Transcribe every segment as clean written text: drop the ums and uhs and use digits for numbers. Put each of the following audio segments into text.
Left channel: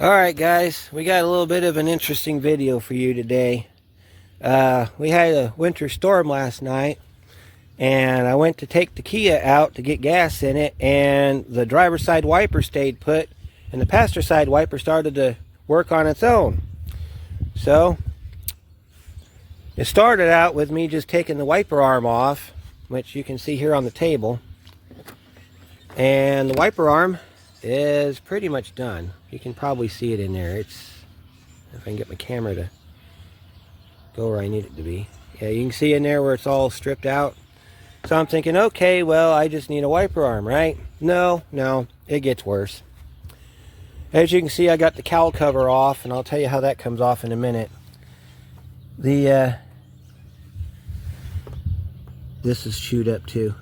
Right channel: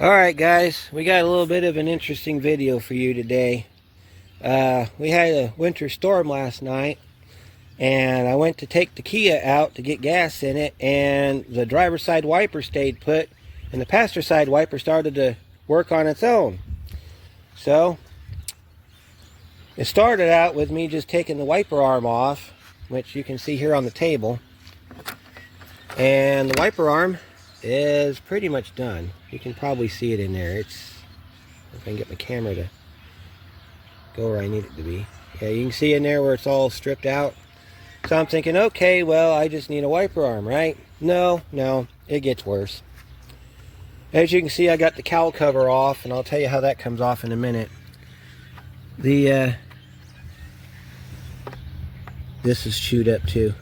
Alright guys, we got a little bit of an interesting video for you today. We had a winter storm last night, and I went to take the Kia out to get gas in it, and the driver's side wiper stayed put, and the passenger side wiper started to work on its own. So, it started out with me just taking the wiper arm off, which you can see here on the table. And the wiper arm is pretty much done. You can probably see it in there. If I can get my camera to go where I need it to be. Yeah, you can see in there where it's all stripped out. So I'm thinking, okay, well, I just need a wiper arm, right? No, it gets worse. As you can see, I got the cowl cover off, and I'll tell you how that comes off in a minute. This is chewed up too.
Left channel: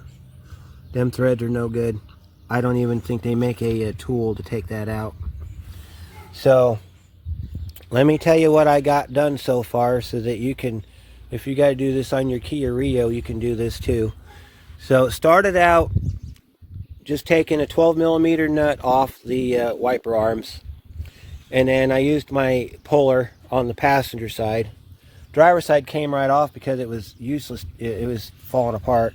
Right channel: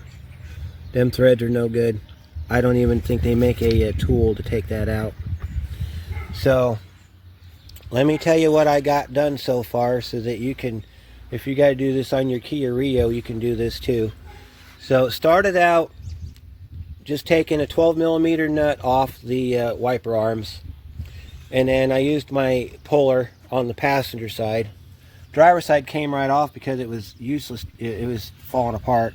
Them threads are no good. I don't even think they make a tool to take that out. So, let me tell you what I got done so far so that you can, if you got to do this on your Kia Rio, you can do this too. So, it started out just taking a 12mm nut off the wiper arms. And then I used my puller on the passenger side. Driver's side came right off because it was useless. It was falling apart.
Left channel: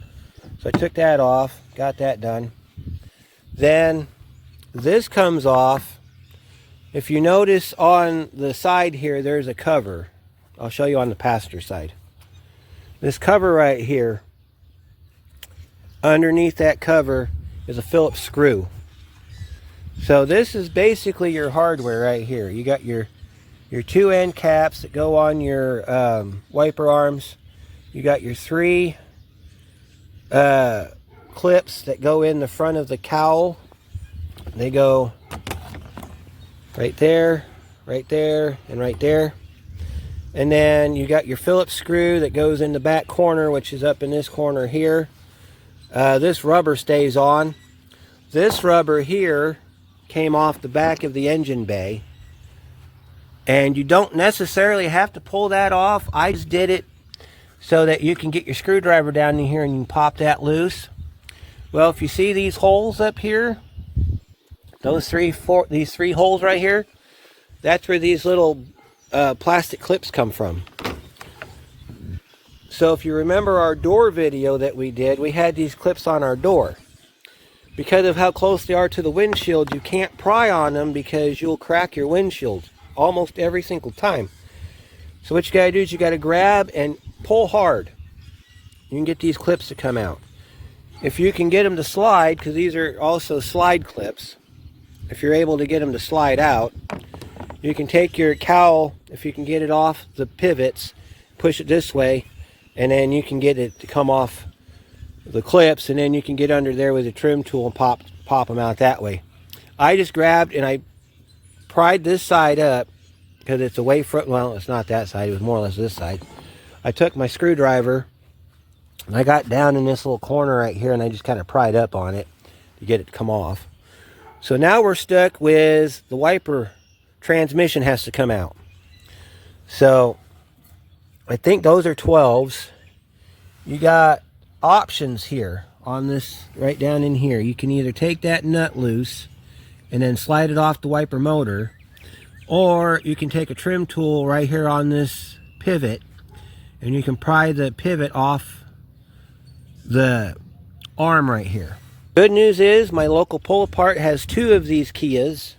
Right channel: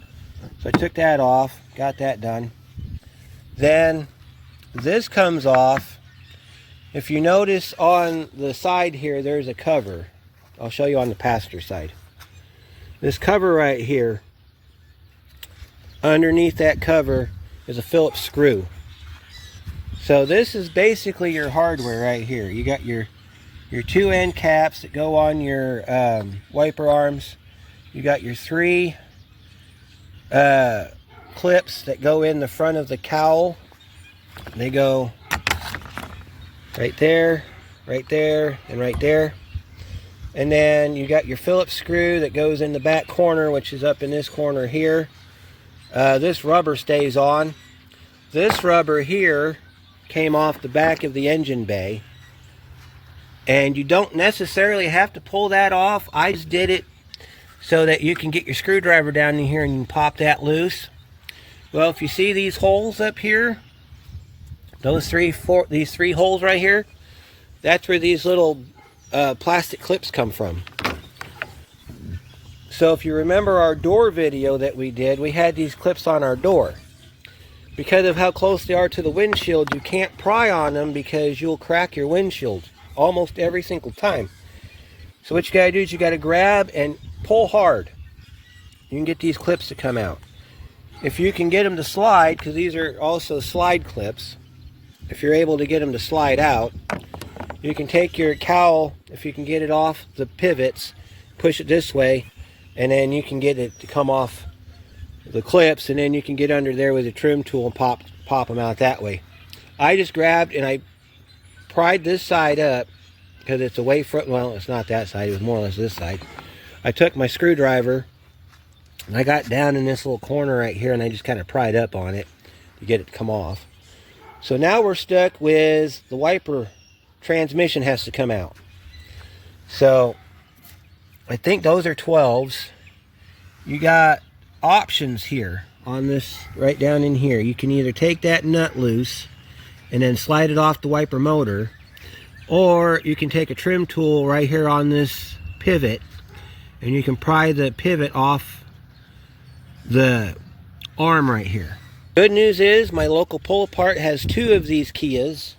So I took that off, got that done. Then this comes off. If you notice on the side here, there's a cover. I'll show you on the passenger side. This cover right here, underneath that cover is a Phillips screw. So this is basically your hardware right here. You got your two end caps that go on your wiper arms. You got your three clips that go in the front of the cowl. They go right there, and right there. And then you got your Phillips screw that goes in the back corner, which is up in this corner here. This rubber stays on. This rubber here came off the back of the engine bay. And you don't necessarily have to pull that off. I just did it so that you can get your screwdriver down in here and you can pop that loose. Well, if you see these holes up here, these three holes right here, that's where these little plastic clips come from. So if you remember our door video that we did, we had these clips on our door. Because of how close they are to the windshield, you can't pry on them because you'll crack your windshield almost every single time. So what you got to do is you got to grab and pull hard. You can get these clips to come out. If you can get them to slide, because these are also slide clips, if you're able to get them to slide out, you can take your cowl, if you can get it off the pivots, push it this way, and then you can get it to come off the clips, and then you can get under there with a trim tool and pop them out that way. I just grabbed and I pried this side up because it's away from, well, it's not that side, it was more or less this side. I took my screwdriver and I got down in this little corner right here and I just kind of pried up on it to get it to come off. So now we're stuck with the wiper transmission has to come out. So I think those are 12s. You got options here on this, right down in here. You can either take that nut loose and then slide it off the wiper motor, or you can take a trim tool right here on this pivot and you can pry the pivot off the arm right here. Good news is my local pull apart has two of these Kias.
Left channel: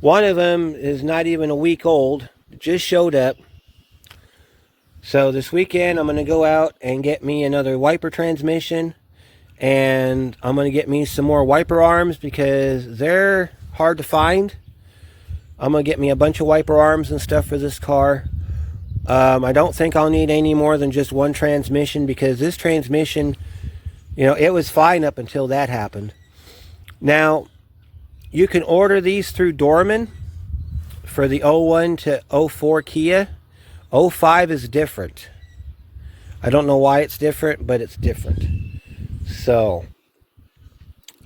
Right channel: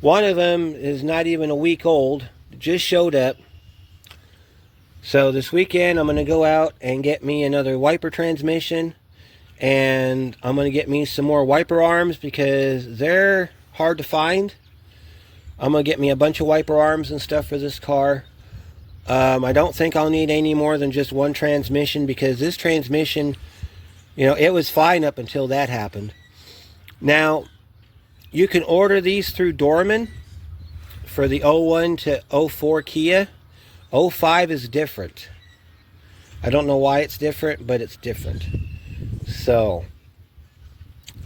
One of them is not even a week old. It just showed up. So this weekend I'm going to go out and get me another wiper transmission, and I'm going to get me some more wiper arms because they're hard to find. I'm going to get me a bunch of wiper arms and stuff for this car. I don't think I'll need any more than just one transmission because this transmission, you know, it was fine up until that happened. Now, you can order these through Dorman for the 01 to 04 Kia. 05 is different. I don't know why it's different, but it's different. So,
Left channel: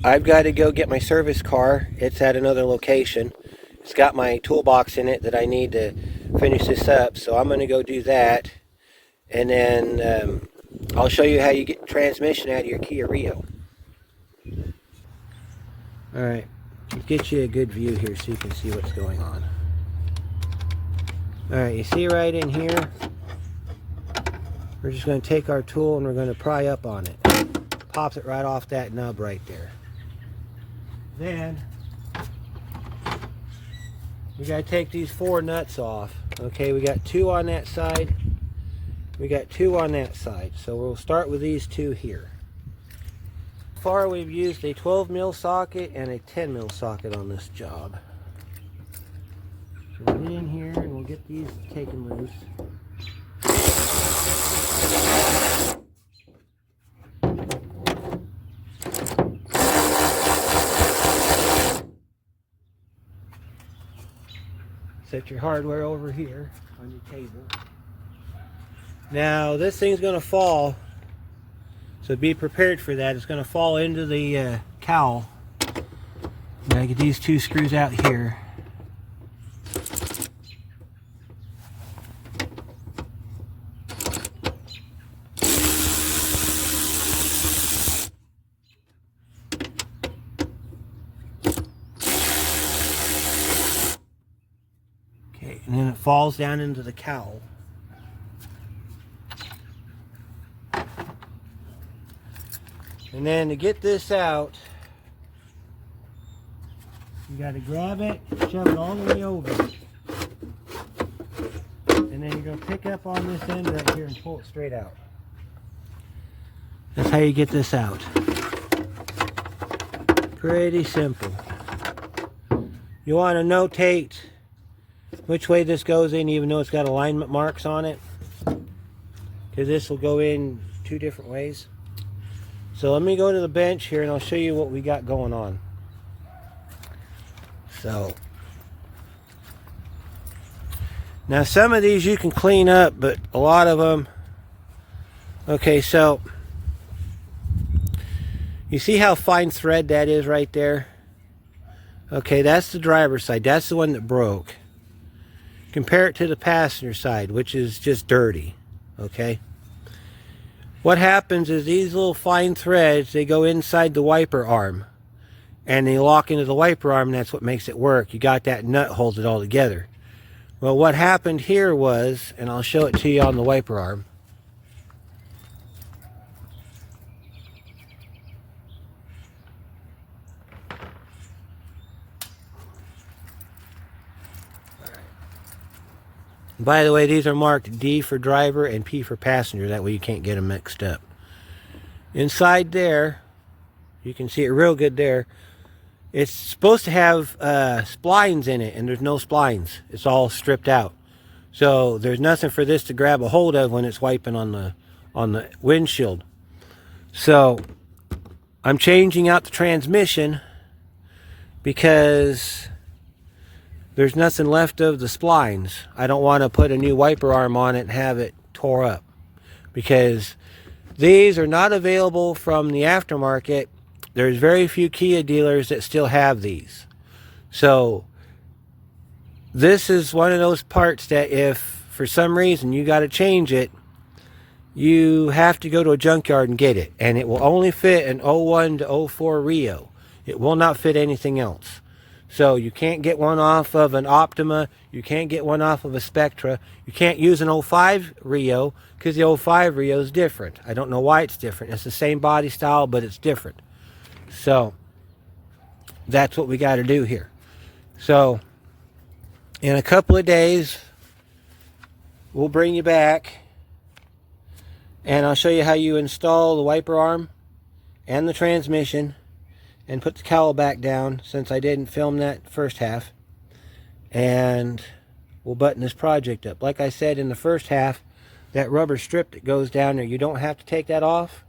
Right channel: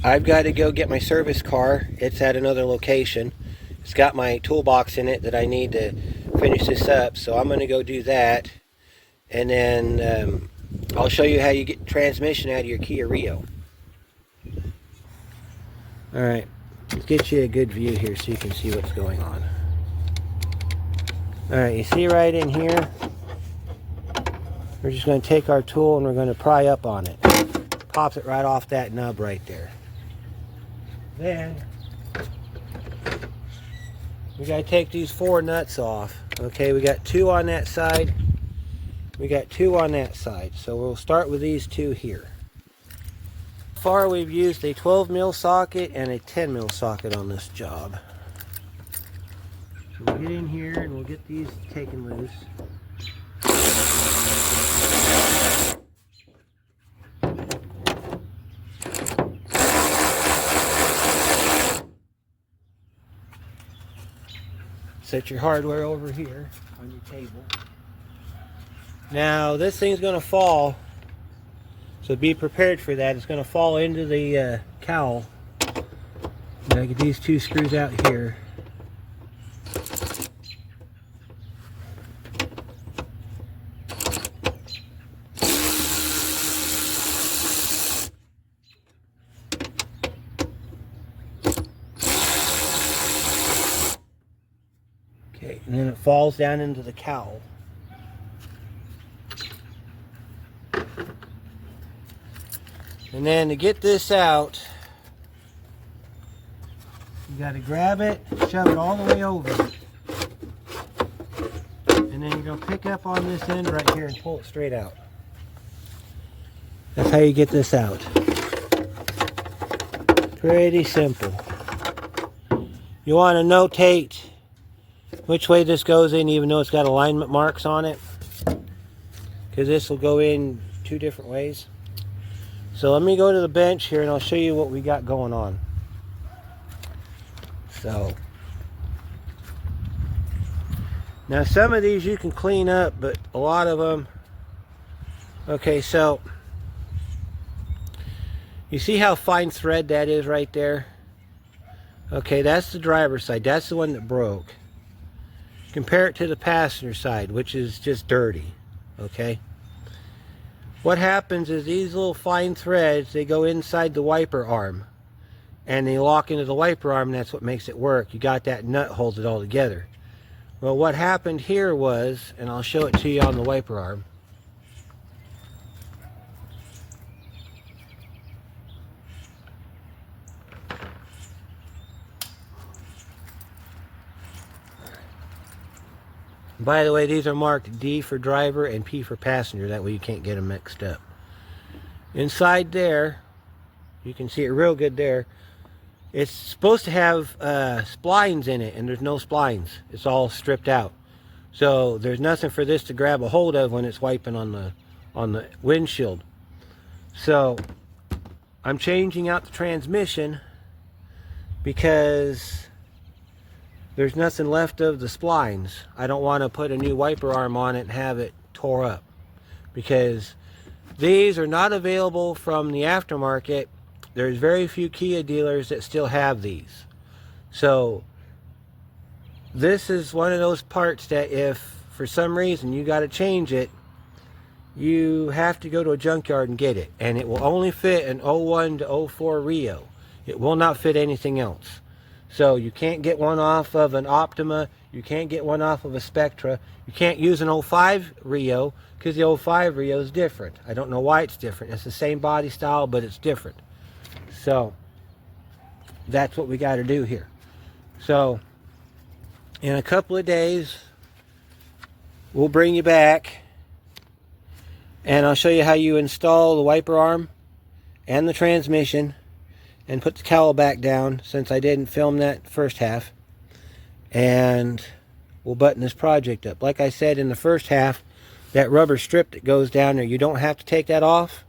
I've got to go get my service car. It's at another location. It's got my toolbox in it that I need to finish this up. So I'm going to go do that. And then I'll show you how you get transmission out of your Kia Rio. Alright, Let's get you a good view here so you can see what's going on. Alright, you see right in here, we're just going to take our tool and we're going to pry up on it. Pops it right off that nub right there. Then we got to take these 4 nuts off. Okay, we got 2 on that side. We got 2 on that side. So we'll start with these 2 here. So far we've used a 12 mil socket and a 10 mil socket on this job. So we'll get in here and we'll get these taken loose. Set your hardware over here on your table. Now this thing's going to fall, so be prepared for that. It's going to fall into the cowl. I'm going to get these 2 screws out here. Okay, and then it falls down into the cowl. And then to get this out, you got to grab it, shove it all the way over. And then you're going to pick up on this end right here and pull it straight out. That's how you get this out. Pretty simple. You want to notate which way this goes in, even though it's got alignment marks on it, because this will go in 2 different ways. So let me go to the bench here and I'll show you what we got going on. So now some of these you can clean up, but a lot of them, okay, so you see how fine thread that is right there? Okay, that's the driver's side. That's the one that broke. Compare it to the passenger side, which is just dirty. Okay, what happens is these little fine threads, they go inside the wiper arm and they lock into the wiper arm, and that's what makes it work. You got that nut holds it all together. Well, what happened here was, and I'll show it to you on the wiper arm. By the way, these are marked D for driver and P for passenger. That way you can't get them mixed up. Inside there, you can see it real good there. It's supposed to have splines in it, and there's no splines. It's all stripped out. So there's nothing for this to grab a hold of when it's wiping on the windshield. So I'm changing out the transmission because there's nothing left of the splines. I don't want to put a new wiper arm on it and have it tore up, because these are not available from the aftermarket. There's very few Kia dealers that still have these. So this is one of those parts that if for some reason you got to change it, you have to go to a junkyard and get it. And it will only fit an 01 to 04 Rio. It will not fit anything else. So you can't get one off of an Optima. You can't get one off of a Spectra. You can't use an 05 Rio because the 05 Rio is different. I don't know why it's different. It's the same body style, but it's different. So that's what we got to do here. So in a couple of days, we'll bring you back and I'll show you how you install the wiper arm and the transmission and put the cowl back down, since I didn't film that first half. And we'll button this project up. Like I said in the first half, that rubber strip that goes down there, you don't have to take that off.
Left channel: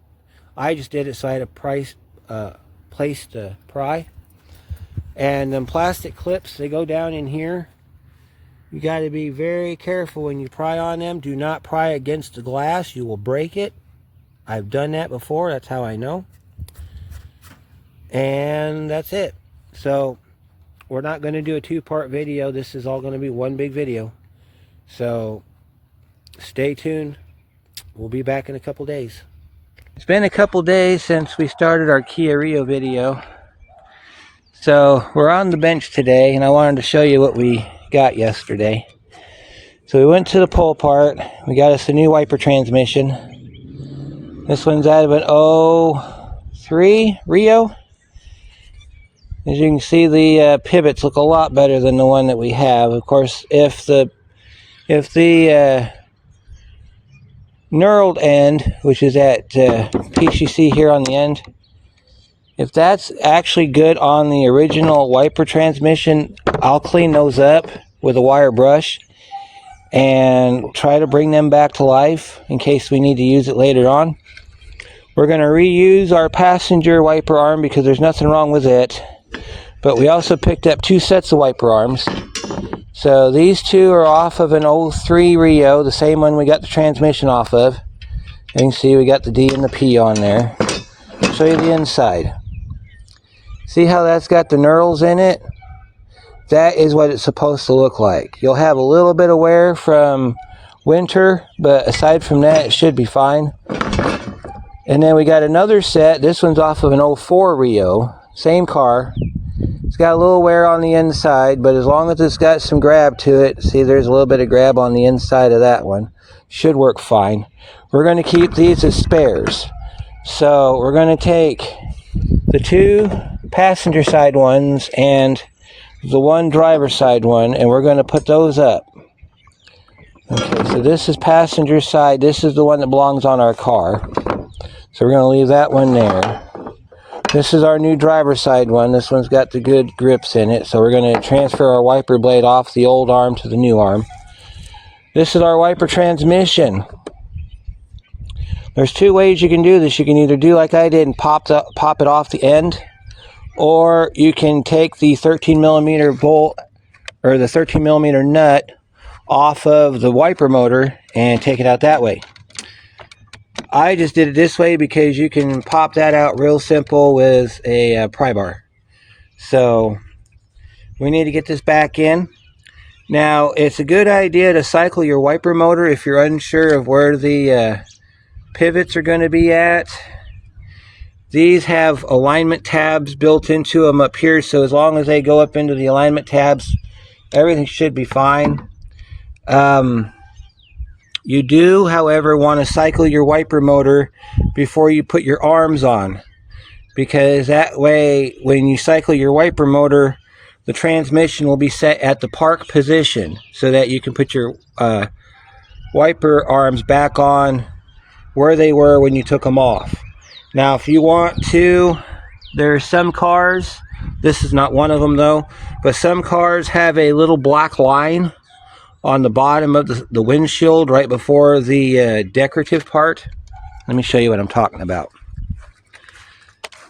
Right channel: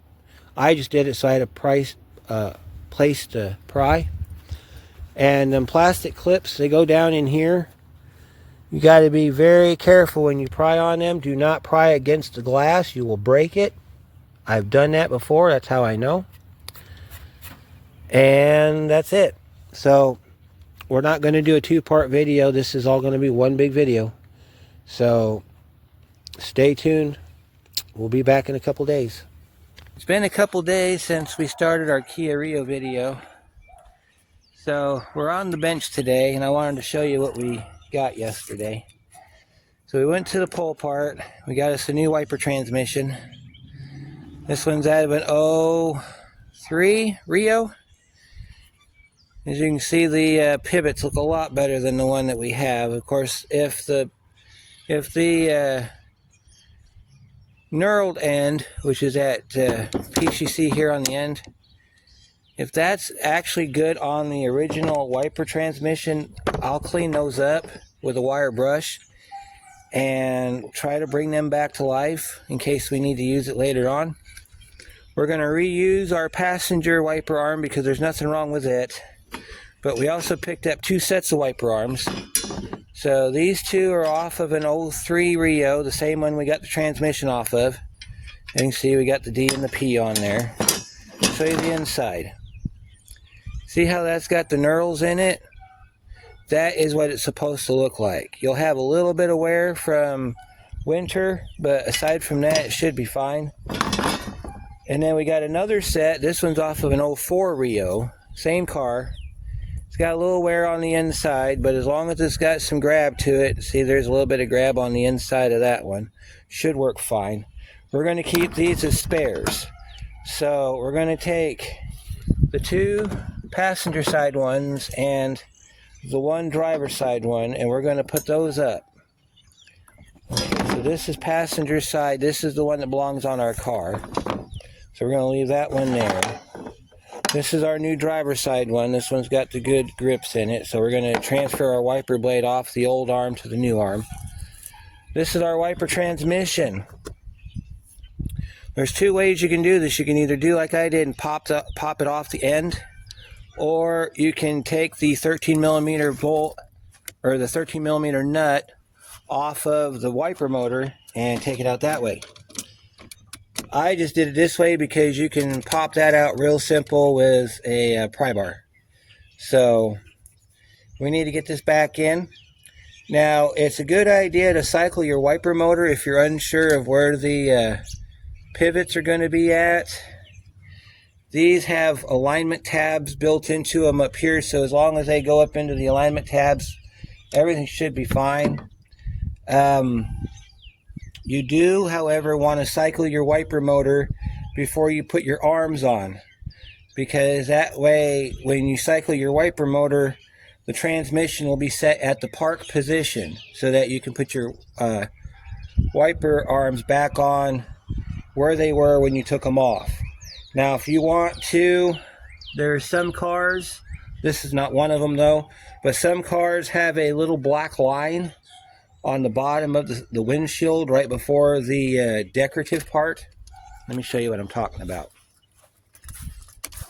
I just did it so I had a place to pry. And them plastic clips, they go down in here. You got to be very careful when you pry on them. Do not pry against the glass. You will break it. I've done that before. That's how I know. And that's it. So we're not going to do a 2-part video. This is all going to be one big video. So stay tuned. We'll be back in a couple days. It's been a couple days since we started our Kia Rio video. So we're on the bench today, and I wanted to show you what we got yesterday. So we went to the pull part. We got us a new wiper transmission. This one's out of an 03 Rio. As you can see, the pivots look a lot better than the one that we have. Of course, if the knurled end, which is at PCC here on the end, if that's actually good on the original wiper transmission, I'll clean those up with a wire brush and try to bring them back to life in case we need to use it later on. We're going to reuse our passenger wiper arm because there's nothing wrong with it. But we also picked up 2 sets of wiper arms. So these 2 are off of an 03 Rio, the same one we got the transmission off of. You can see we got the D and the P on there. I'll show you the inside. See how that's got the knurls in it? That is what it's supposed to look like. You'll have a little bit of wear from winter, but aside from that, it should be fine. And then we got another set. This one's off of an 04 Rio, same car. It's got a little wear on the inside, but as long as it's got some grab to it, see there's a little bit of grab on the inside of that one, should work fine. We're going to keep these as spares. So we're going to take the 2 passenger side ones and the 1 driver side one, and we're going to put those up. Okay, so this is passenger side. This is the one that belongs on our car. So we're going to leave that one there. This is our new driver side one. This one's got the good grips in it. So we're going to transfer our wiper blade off the old arm to the new arm. This is our wiper transmission. There's 2 ways you can do this. You can either do like I did and pop it off the end, or you can take the 13 millimeter bolt or the 13 millimeter nut off of the wiper motor and take it out that way. I just did it this way because you can pop that out real simple with a pry bar. So we need to get this back in. Now it's a good idea to cycle your wiper motor if you're unsure of where the pivots are going to be at. These have alignment tabs built into them up here, so as long as they go up into the alignment tabs, everything should be fine. You do, however, want to cycle your wiper motor before you put your arms on, because that way, when you cycle your wiper motor, the transmission will be set at the park position so that you can put your wiper arms back on where they were when you took them off. Now, if you want to, there are some cars, this is not one of them though, but some cars have a little black line on the bottom of the windshield right before the decorative part. Let me show you what I'm talking about.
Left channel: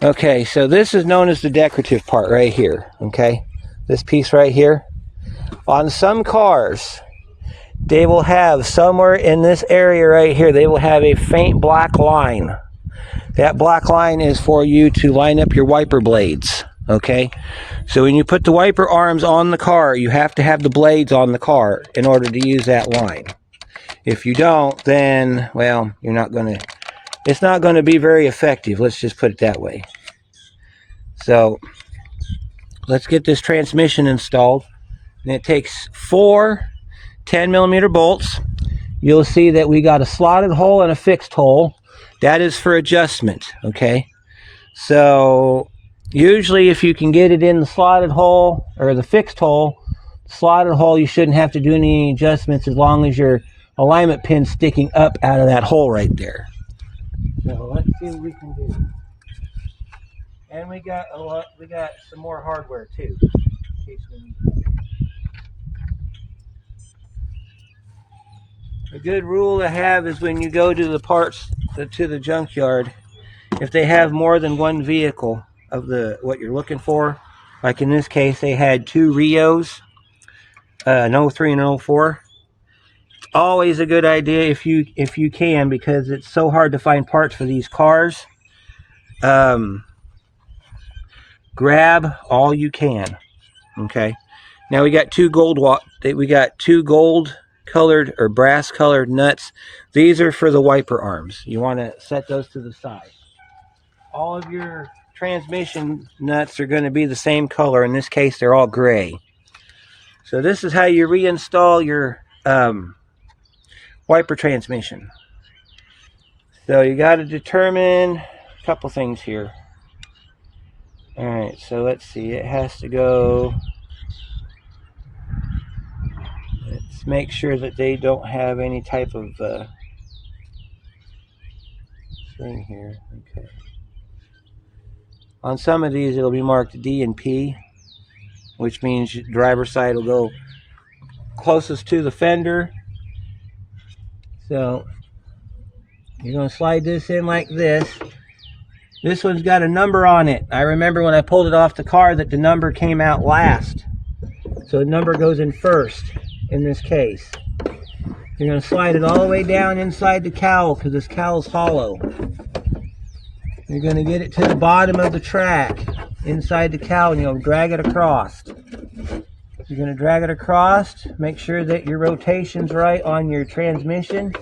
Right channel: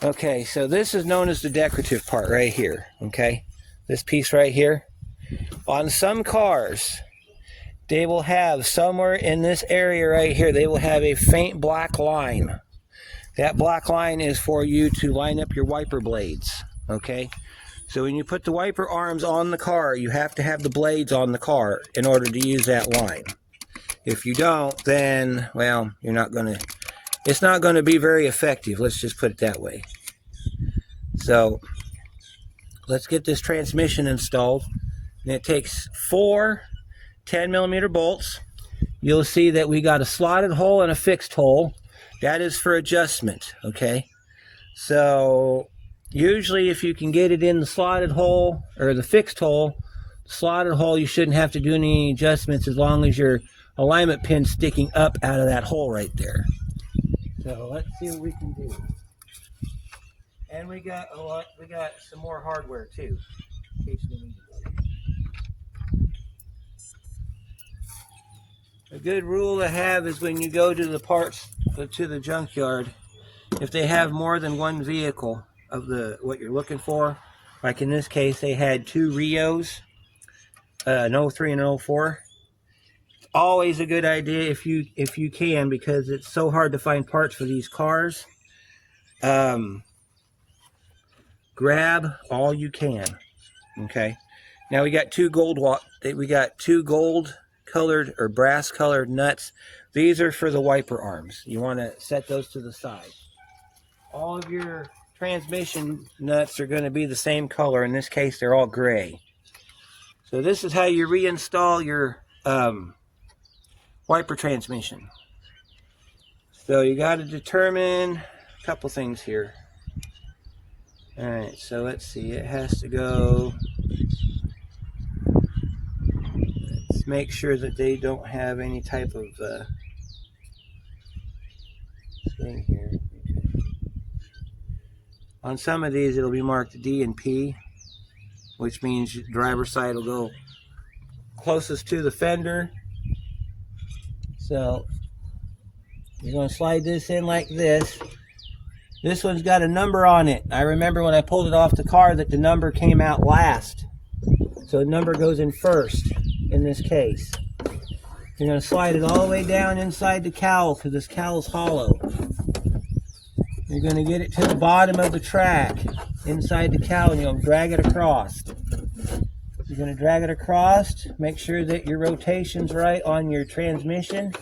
Okay, so this is known as the decorative part right here, okay? This piece right here. On some cars, they will have somewhere in this area right here, they will have a faint black line. That black line is for you to line up your wiper blades, okay? So when you put the wiper arms on the car, you have to have the blades on the car in order to use that line. If you don't, then, well, it's not going to be very effective. Let's just put it that way. So let's get this transmission installed. And it takes 4 10 millimeter bolts. You'll see that we got a slotted hole and a fixed hole. That is for adjustment, okay? So usually if you can get it in the slotted hole or the fixed hole, you shouldn't have to do any adjustments as long as your alignment pin's sticking up out of that hole right there. So let's see what we can do. And we got some more hardware too. In case we need it. A good rule to have is when you go to the parts to the junkyard, if they have more than one vehicle of what you're looking for, like in this case they had 2 Rios, an 03 and an 04. Always a good idea if you can, because it's so hard to find parts for these cars. Grab all you can. Okay. Now we got 2 gold colored or brass colored nuts. These are for the wiper arms. You want to set those to the side. All of your transmission nuts are going to be the same color. In this case, they're all gray. So this is how you reinstall your wiper transmission. So you got to determine a couple things here. All right, so let's see. It has to go. Let's make sure that they don't have any type of thing here. Okay. On some of these, it'll be marked D and P, which means your driver's side will go closest to the fender. So you're going to slide this in like this. This one's got a number on it. I remember when I pulled it off the car that the number came out last. So the number goes in first in this case. You're going to slide it all the way down inside the cowl because this cowl's hollow. You're going to get it to the bottom of the track inside the cowl and you'll drag it across. You're going to drag it across. Make sure that your rotation's right on your transmission.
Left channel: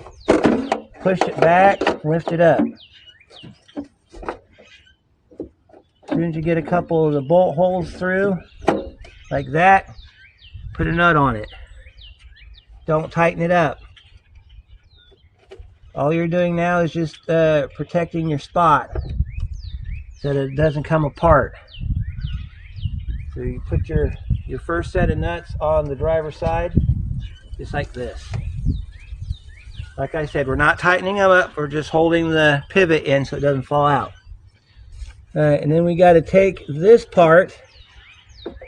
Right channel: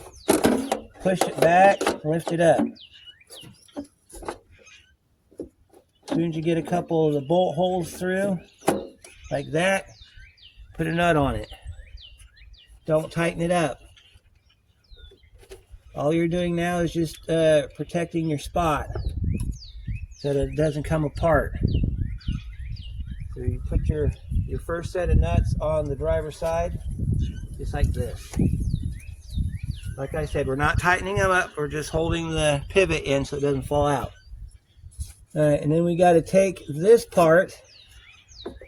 Push it back, lift it up. As soon as you get a couple of the bolt holes through, like that, put a nut on it. Don't tighten it up. All you're doing now is just protecting your spot so that it doesn't come apart. So you put your first set of nuts on the driver's side, just like this. Like I said, we're not tightening them up, we're just holding the pivot in so it doesn't fall out. All right, and then we got to take this part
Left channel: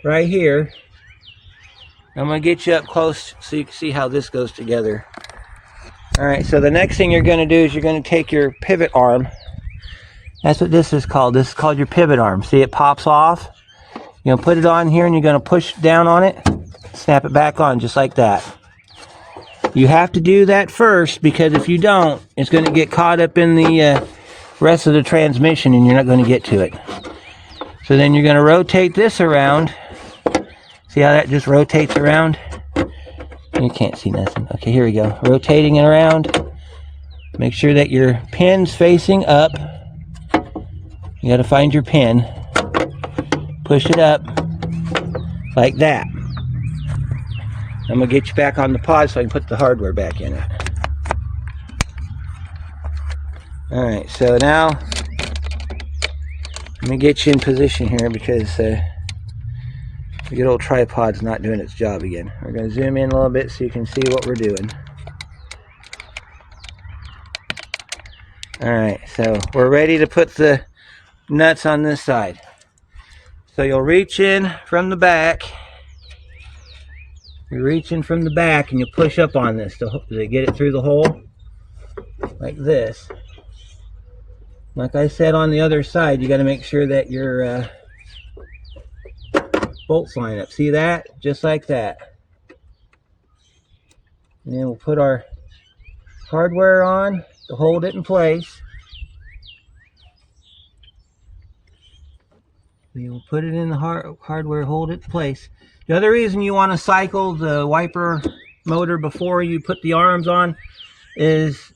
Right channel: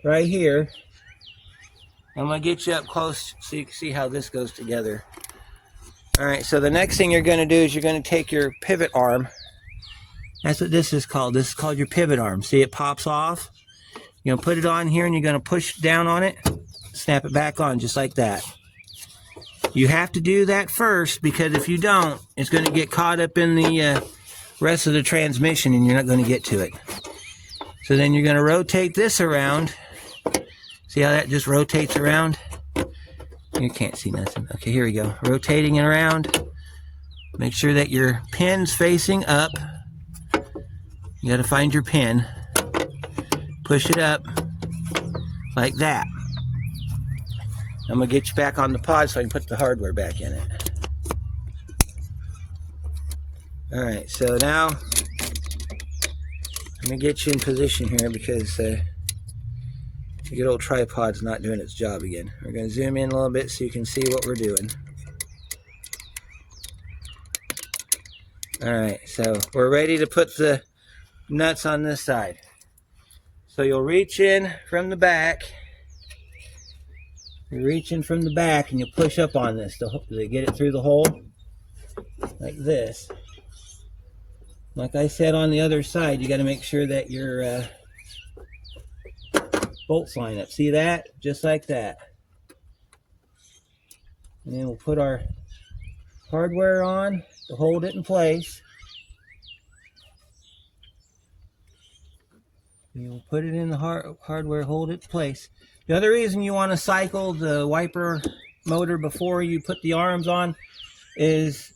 right here. I'm going to get you up close so you can see how this goes together. All right, so the next thing you're going to do is you're going to take your pivot arm. That's what this is called. This is called your pivot arm. See, it pops off. You're going to put it on here and you're going to push down on it, snap it back on just like that. You have to do that first because if you don't, it's going to get caught up in the rest of the transmission and you're not going to get to it. So then you're going to rotate this around. See how that just rotates around? You can't see nothing. Okay, here we go. Rotating it around. Make sure that your pin's facing up. You got to find your pin. Push it up like that. I'm going to get you back on the pod so I can put the hardware back in it. Alright, so now let me get you in position here because the good old tripod's not doing its job again. We're going to zoom in a little bit so you can see what we're doing. Alright, so we're ready to put the nuts on this side. So you'll reach in from the back. You reach in from the back and you push up on this to get it through the hole like this. Like I said on the other side, you got to make sure that your bolts line up. See that? Just like that. And then we'll put our hardware on to hold it in place. We'll put it in the hardware, hold it in place. The other reason you want to cycle the wiper motor before you put the arms on is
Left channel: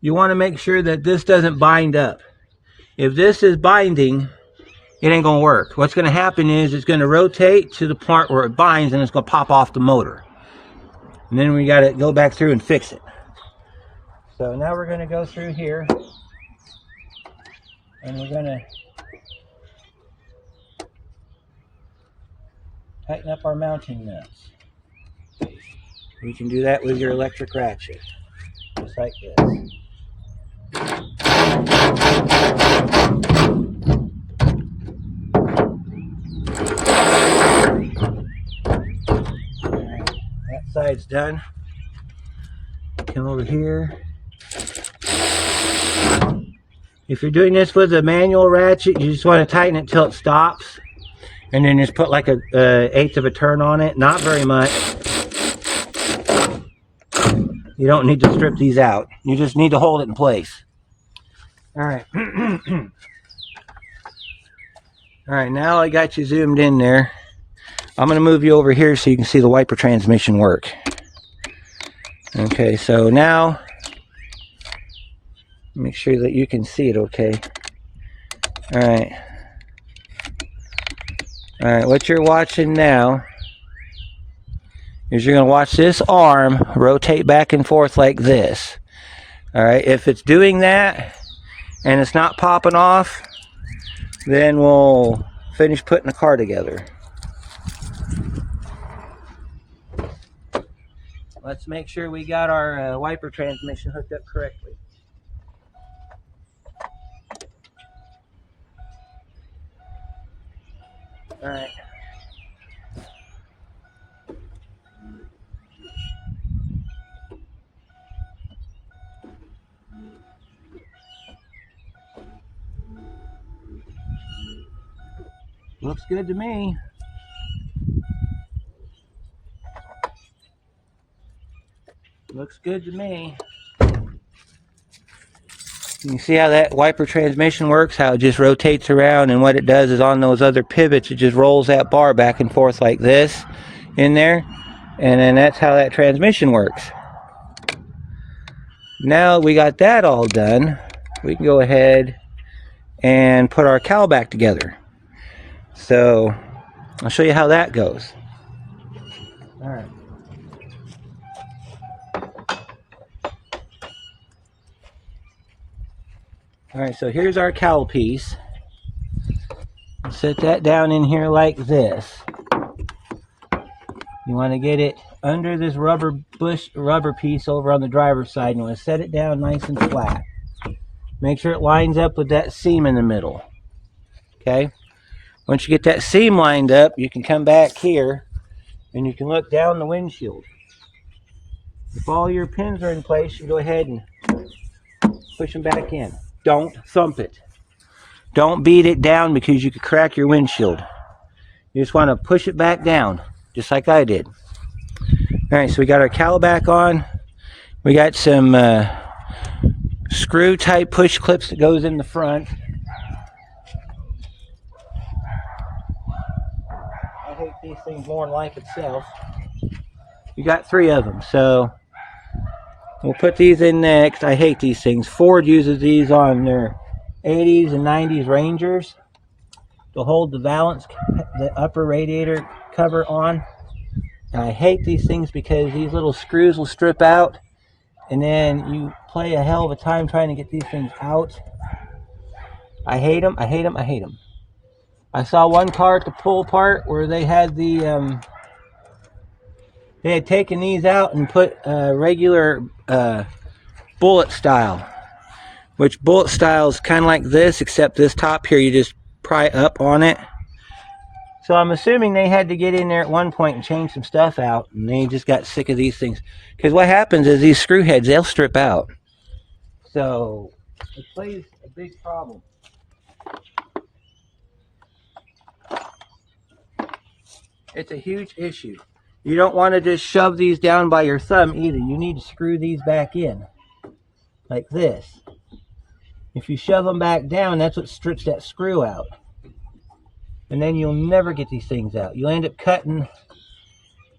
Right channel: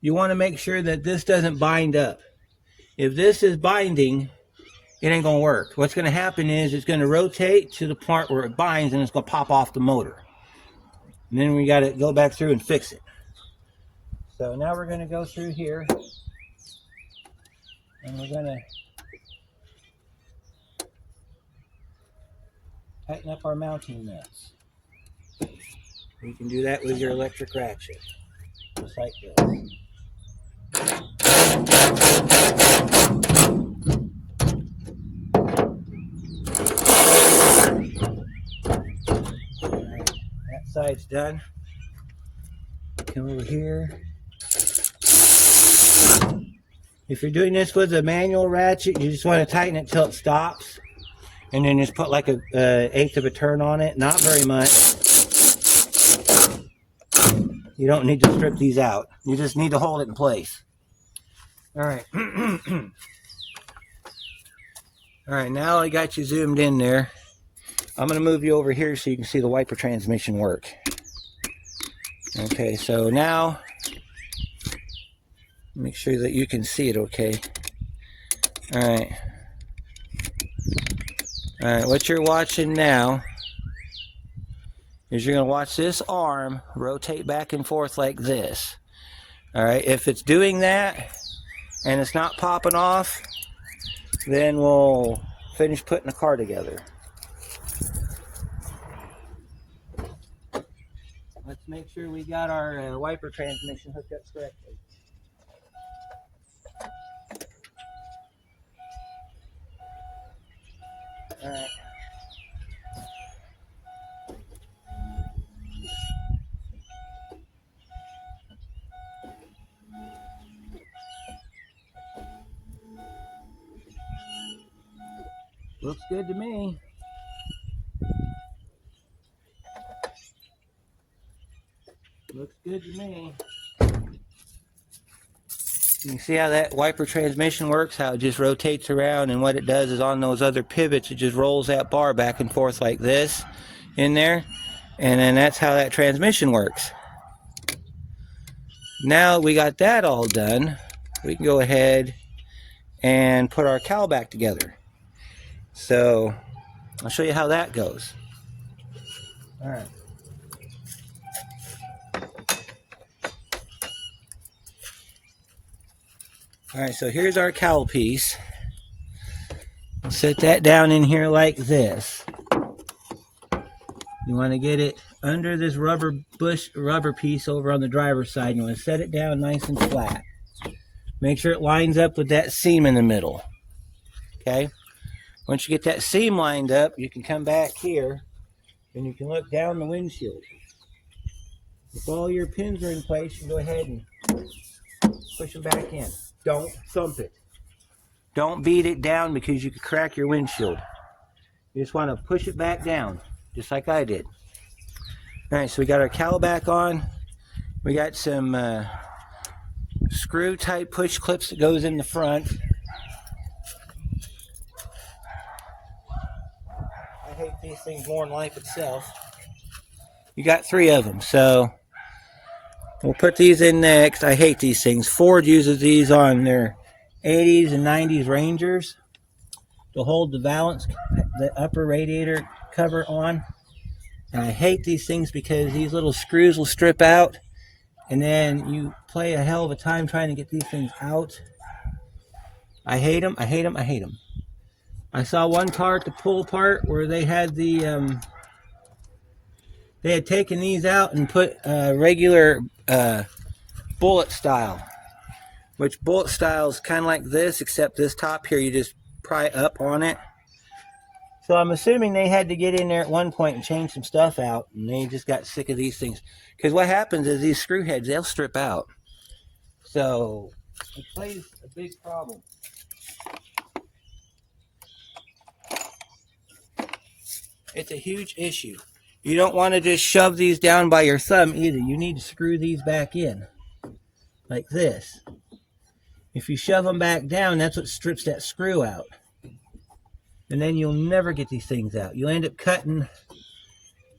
you want to make sure that this doesn't bind up. If this is binding, it ain't going to work. What's going to happen is it's going to rotate to the part where it binds and it's going to pop off the motor. And then we got to go back through and fix it. So now we're going to go through here and we're going to tighten up our mounting nuts. You can do that with your electric ratchet, just like this. Alright, that side's done. Come over here. If you're doing this with a manual ratchet, you just want to tighten it till it stops. And then just put like a eighth of a turn on it. Not very much. You don't need to strip these out. You just need to hold it in place. Alright. Alright, now I got you zoomed in there. I'm going to move you over here so you can see the wiper transmission work. Okay, so now make sure that you can see it okay. Alright. Alright, what you're watching now is you're going to watch this arm rotate back and forth like this. Alright, if it's doing that and it's not popping off, then we'll finish putting the car together. Let's make sure we got our wiper transmission hooked up correctly. Alright. Looks good to me. Looks good to me. You can see how that wiper transmission works, how it just rotates around, and what it does is on those other pivots, it just rolls that bar back and forth like this in there, and then that's how that transmission works. Now we got that all done, we can go ahead and put our cowl back together. So I'll show you how that goes. All right. Alright, so here's our cowl piece. Set that down in here like this. You want to get it under this rubber piece over on the driver's side. You want to set it down nice and flat. Make sure it lines up with that seam in the middle. Okay? Once you get that seam lined up, you can come back here and you can look down the windshield. If all your pins are in place, you go ahead and push them back in. Don't thump it. Don't beat it down because you could crack your windshield. You just want to push it back down, just like I did. Alright, so we got our cowl back on. We got some screw type push clips that goes in the front. I hate these things more than life itself. You got 3 of them, so we'll put these in next. I hate these things. Ford uses these on their 80s and 90s Rangers to hold the valance, the upper radiator cover on. And I hate these things because these little screws will strip out, and then you play a hell of a time trying to get these things out. I hate them. I hate them. I hate them. I saw one car at the pull apart where they had the they had taken these out and put regular bullet style, which bullet style is kind of like this, except this top here you just pry up on it. So I'm assuming they had to get in there at one point and change some stuff out, and they just got sick of these things. Because what happens is these screw heads, they'll strip out. So it plays a big problem. It's a huge issue. You don't want to just shove these down by your thumb either. You need to screw these back in like this. If you shove them back down, that's what strips that screw out. And then you'll never get these things out. You'll end up cutting.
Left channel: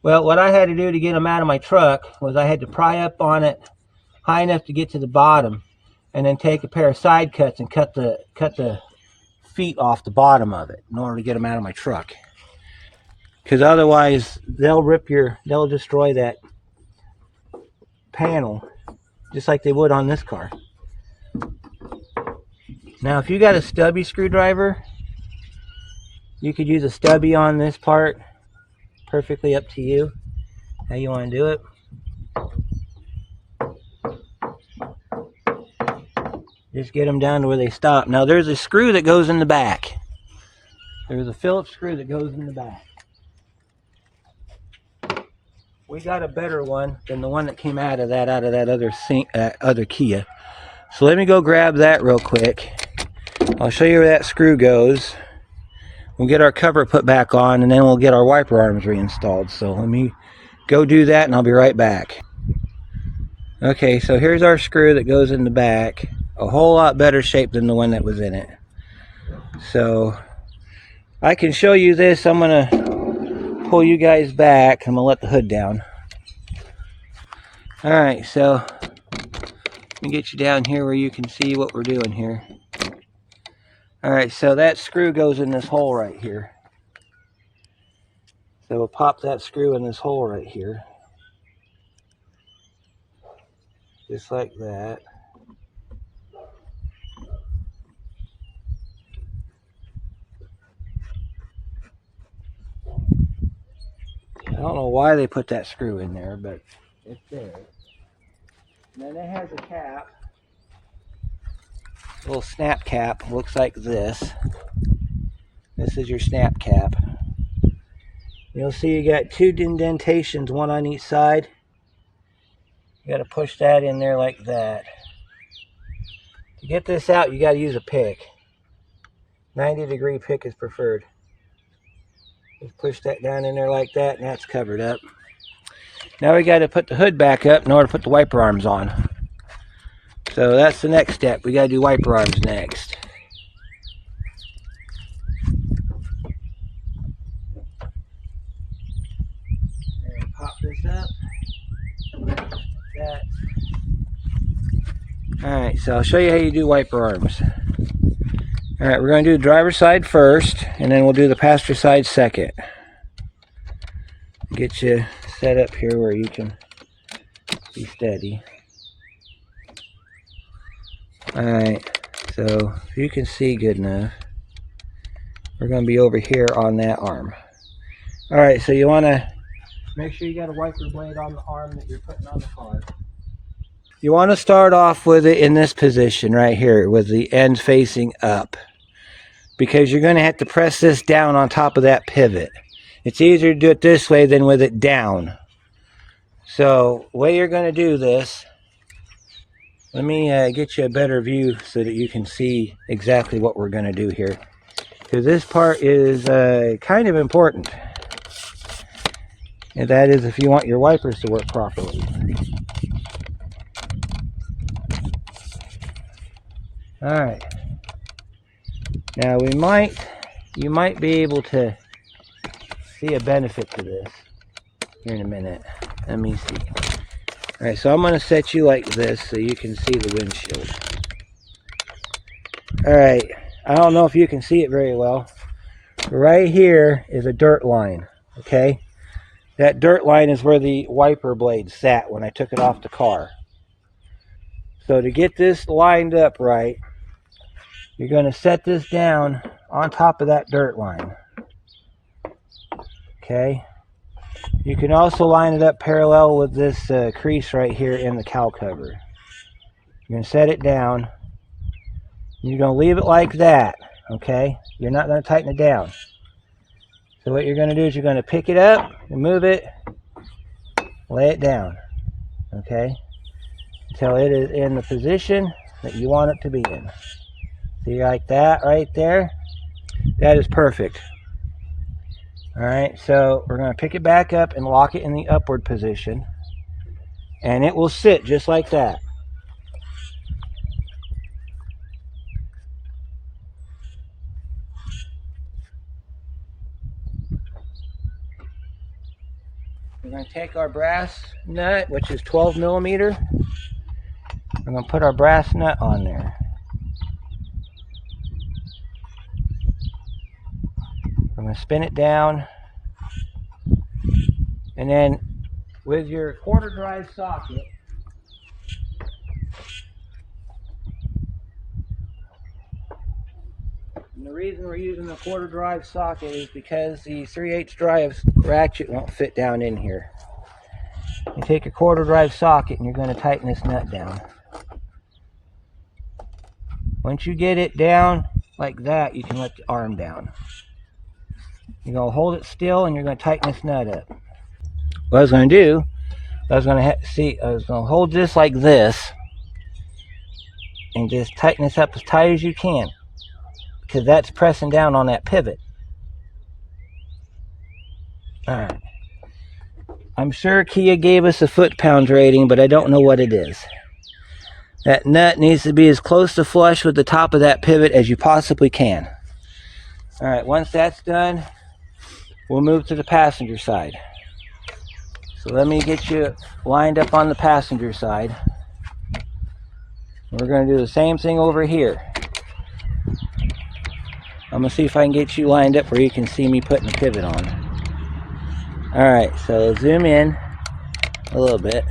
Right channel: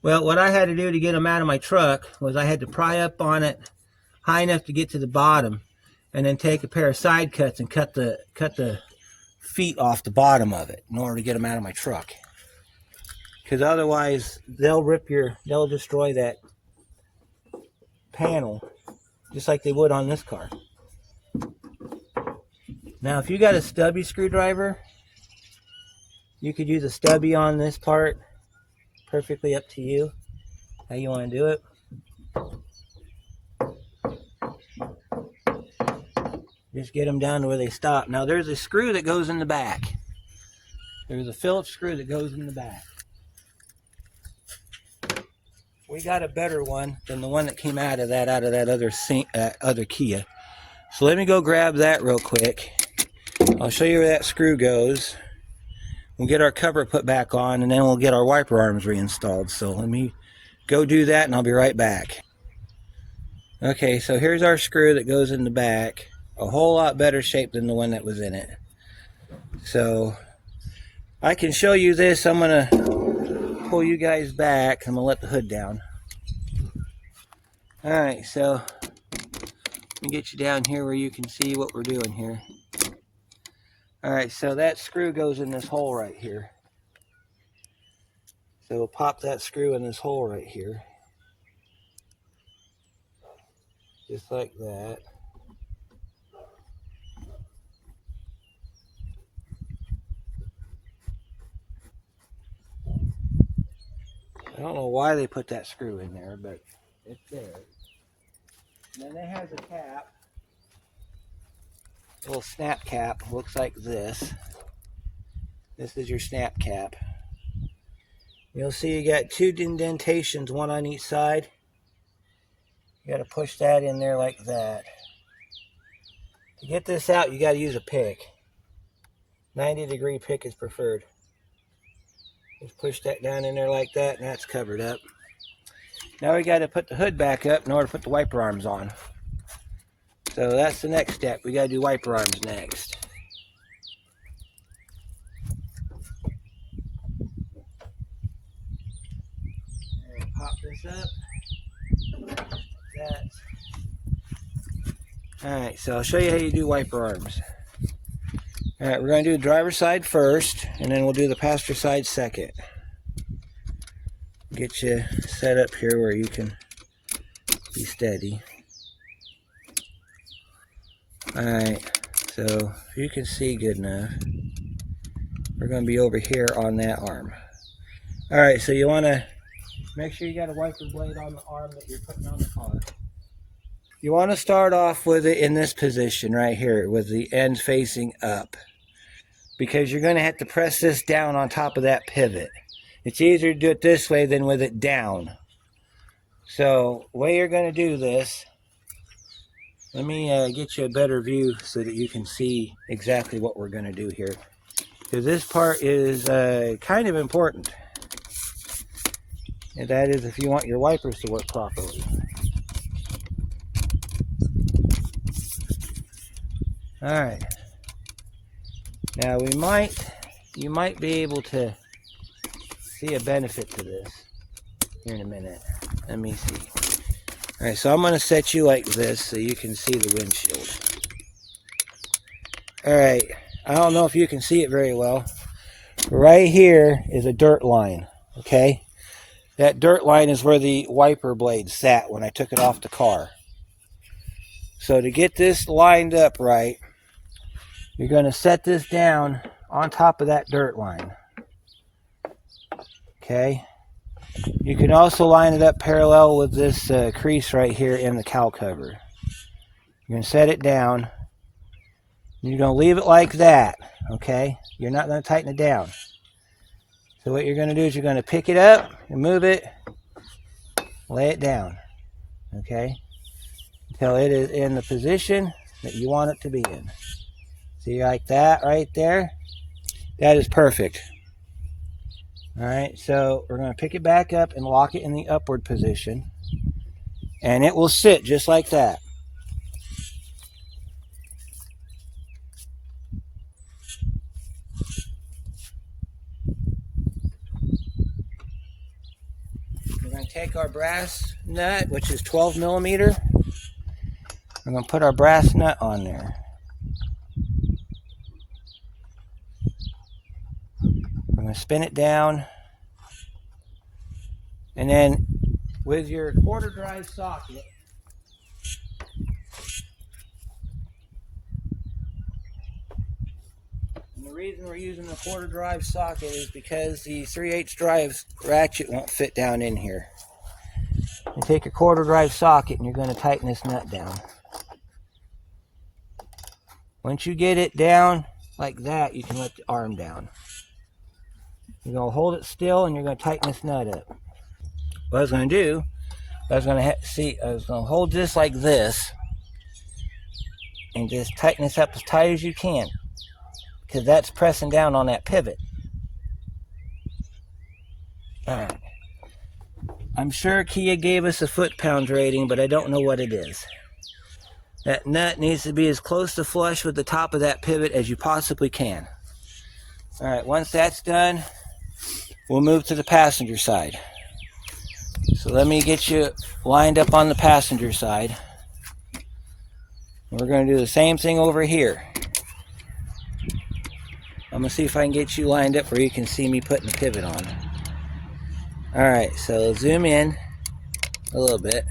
Well, what I had to do to get them out of my truck was I had to pry up on it high enough to get to the bottom, and then take a pair of side cuts and cut the feet off the bottom of it in order to get them out of my truck. Because otherwise they'll destroy that panel just like they would on this car. Now if you got a stubby screwdriver, you could use a stubby on this part. Perfectly up to you how you want to do it. Just get them down to where they stop. Now there's a screw that goes in the back. There's a Phillips screw that goes in the back. We got a better one than the one that came out of that other Kia. So let me go grab that real quick. I'll show you where that screw goes. We'll get our cover put back on, and then we'll get our wiper arms reinstalled. So let me go do that, and I'll be right back. Okay, so here's our screw that goes in the back. A whole lot better shape than the one that was in it. So I can show you this. I'm gonna pull you guys back. I'm gonna let the hood down. All right, so let me get you down here where you can see what we're doing here. All right, so that screw goes in this hole right here. So we'll pop that screw in this hole right here. Just like that. I don't know why they put that screw in there, but it's there. And then it has a cap. A little snap cap. Looks like this. This is your snap cap. You'll see you got two indentations, one on each side. You got to push that in there like that. To get this out, you got to use a pick. 90-degree pick is preferred. Just push that down in there like that, and that's covered up. Now we got to put the hood back up in order to put the wiper arms on. So that's the next step. We got to do wiper arms next. And pop this up. Alright, so I'll show you how you do wiper arms. Alright, we're going to do the driver's side first, and then we'll do the passenger side second. Get you set up here where you can be steady. Alright, so if you can see good enough, we're going to be over here on that arm. Alright, so you want to make sure you got a wiper blade on the arm that you're putting on the car. You want to start off with it in this position right here with the ends facing up, because you're going to have to press this down on top of that pivot. It's easier to do it this way than with it down. So the way you're going to do this, let me get you a better view so that you can see exactly what we're going to do here, because this part is kind of important, and that is if you want your wipers to work properly. Alright, now you might be able to see a benefit to this here in a minute. Let me see. Alright, so I'm going to set you like this so you can see the windshield. Alright, I don't know if you can see it very well. Right here is a dirt line, okay? That dirt line is where the wiper blade sat when I took it off the car. So to get this lined up right, you're going to set this down on top of that dirt line. Okay? You can also line it up parallel with this crease right here in the cowl cover. You're going to set it down. You're going to leave it like that. Okay? You're not going to tighten it down. So what you're going to do is you're going to pick it up and move it, lay it down. Okay? Until it is in the position that you want it to be in. See, like that right there? That is perfect. Alright, so we're going to pick it back up and lock it in the upward position. And it will sit just like that. We're going to take our brass nut, which is 12 millimeter. We're going to put our brass nut on there. I'm going to spin it down, and then with your quarter drive socket, and the reason we're using the quarter drive socket is because the 3/8 drive ratchet won't fit down in here. You take a quarter drive socket and you're going to tighten this nut down. Once you get it down like that, you can let the arm down. You're going to hold it still and you're going to tighten this nut up. What I was going to do, I was going to hold this like this and just tighten this up as tight as you can, because that's pressing down on that pivot. Alright. I'm sure Kia gave us a foot-pounds rating, but I don't know what it is. That nut needs to be as close to flush with the top of that pivot as you possibly can. Alright, once that's done, we'll move to the passenger side. So let me get you lined up on the passenger side. We're going to do the same thing over here. I'm going to see if I can get you lined up where you can see me putting the pivot on. Alright, so zoom in a little bit.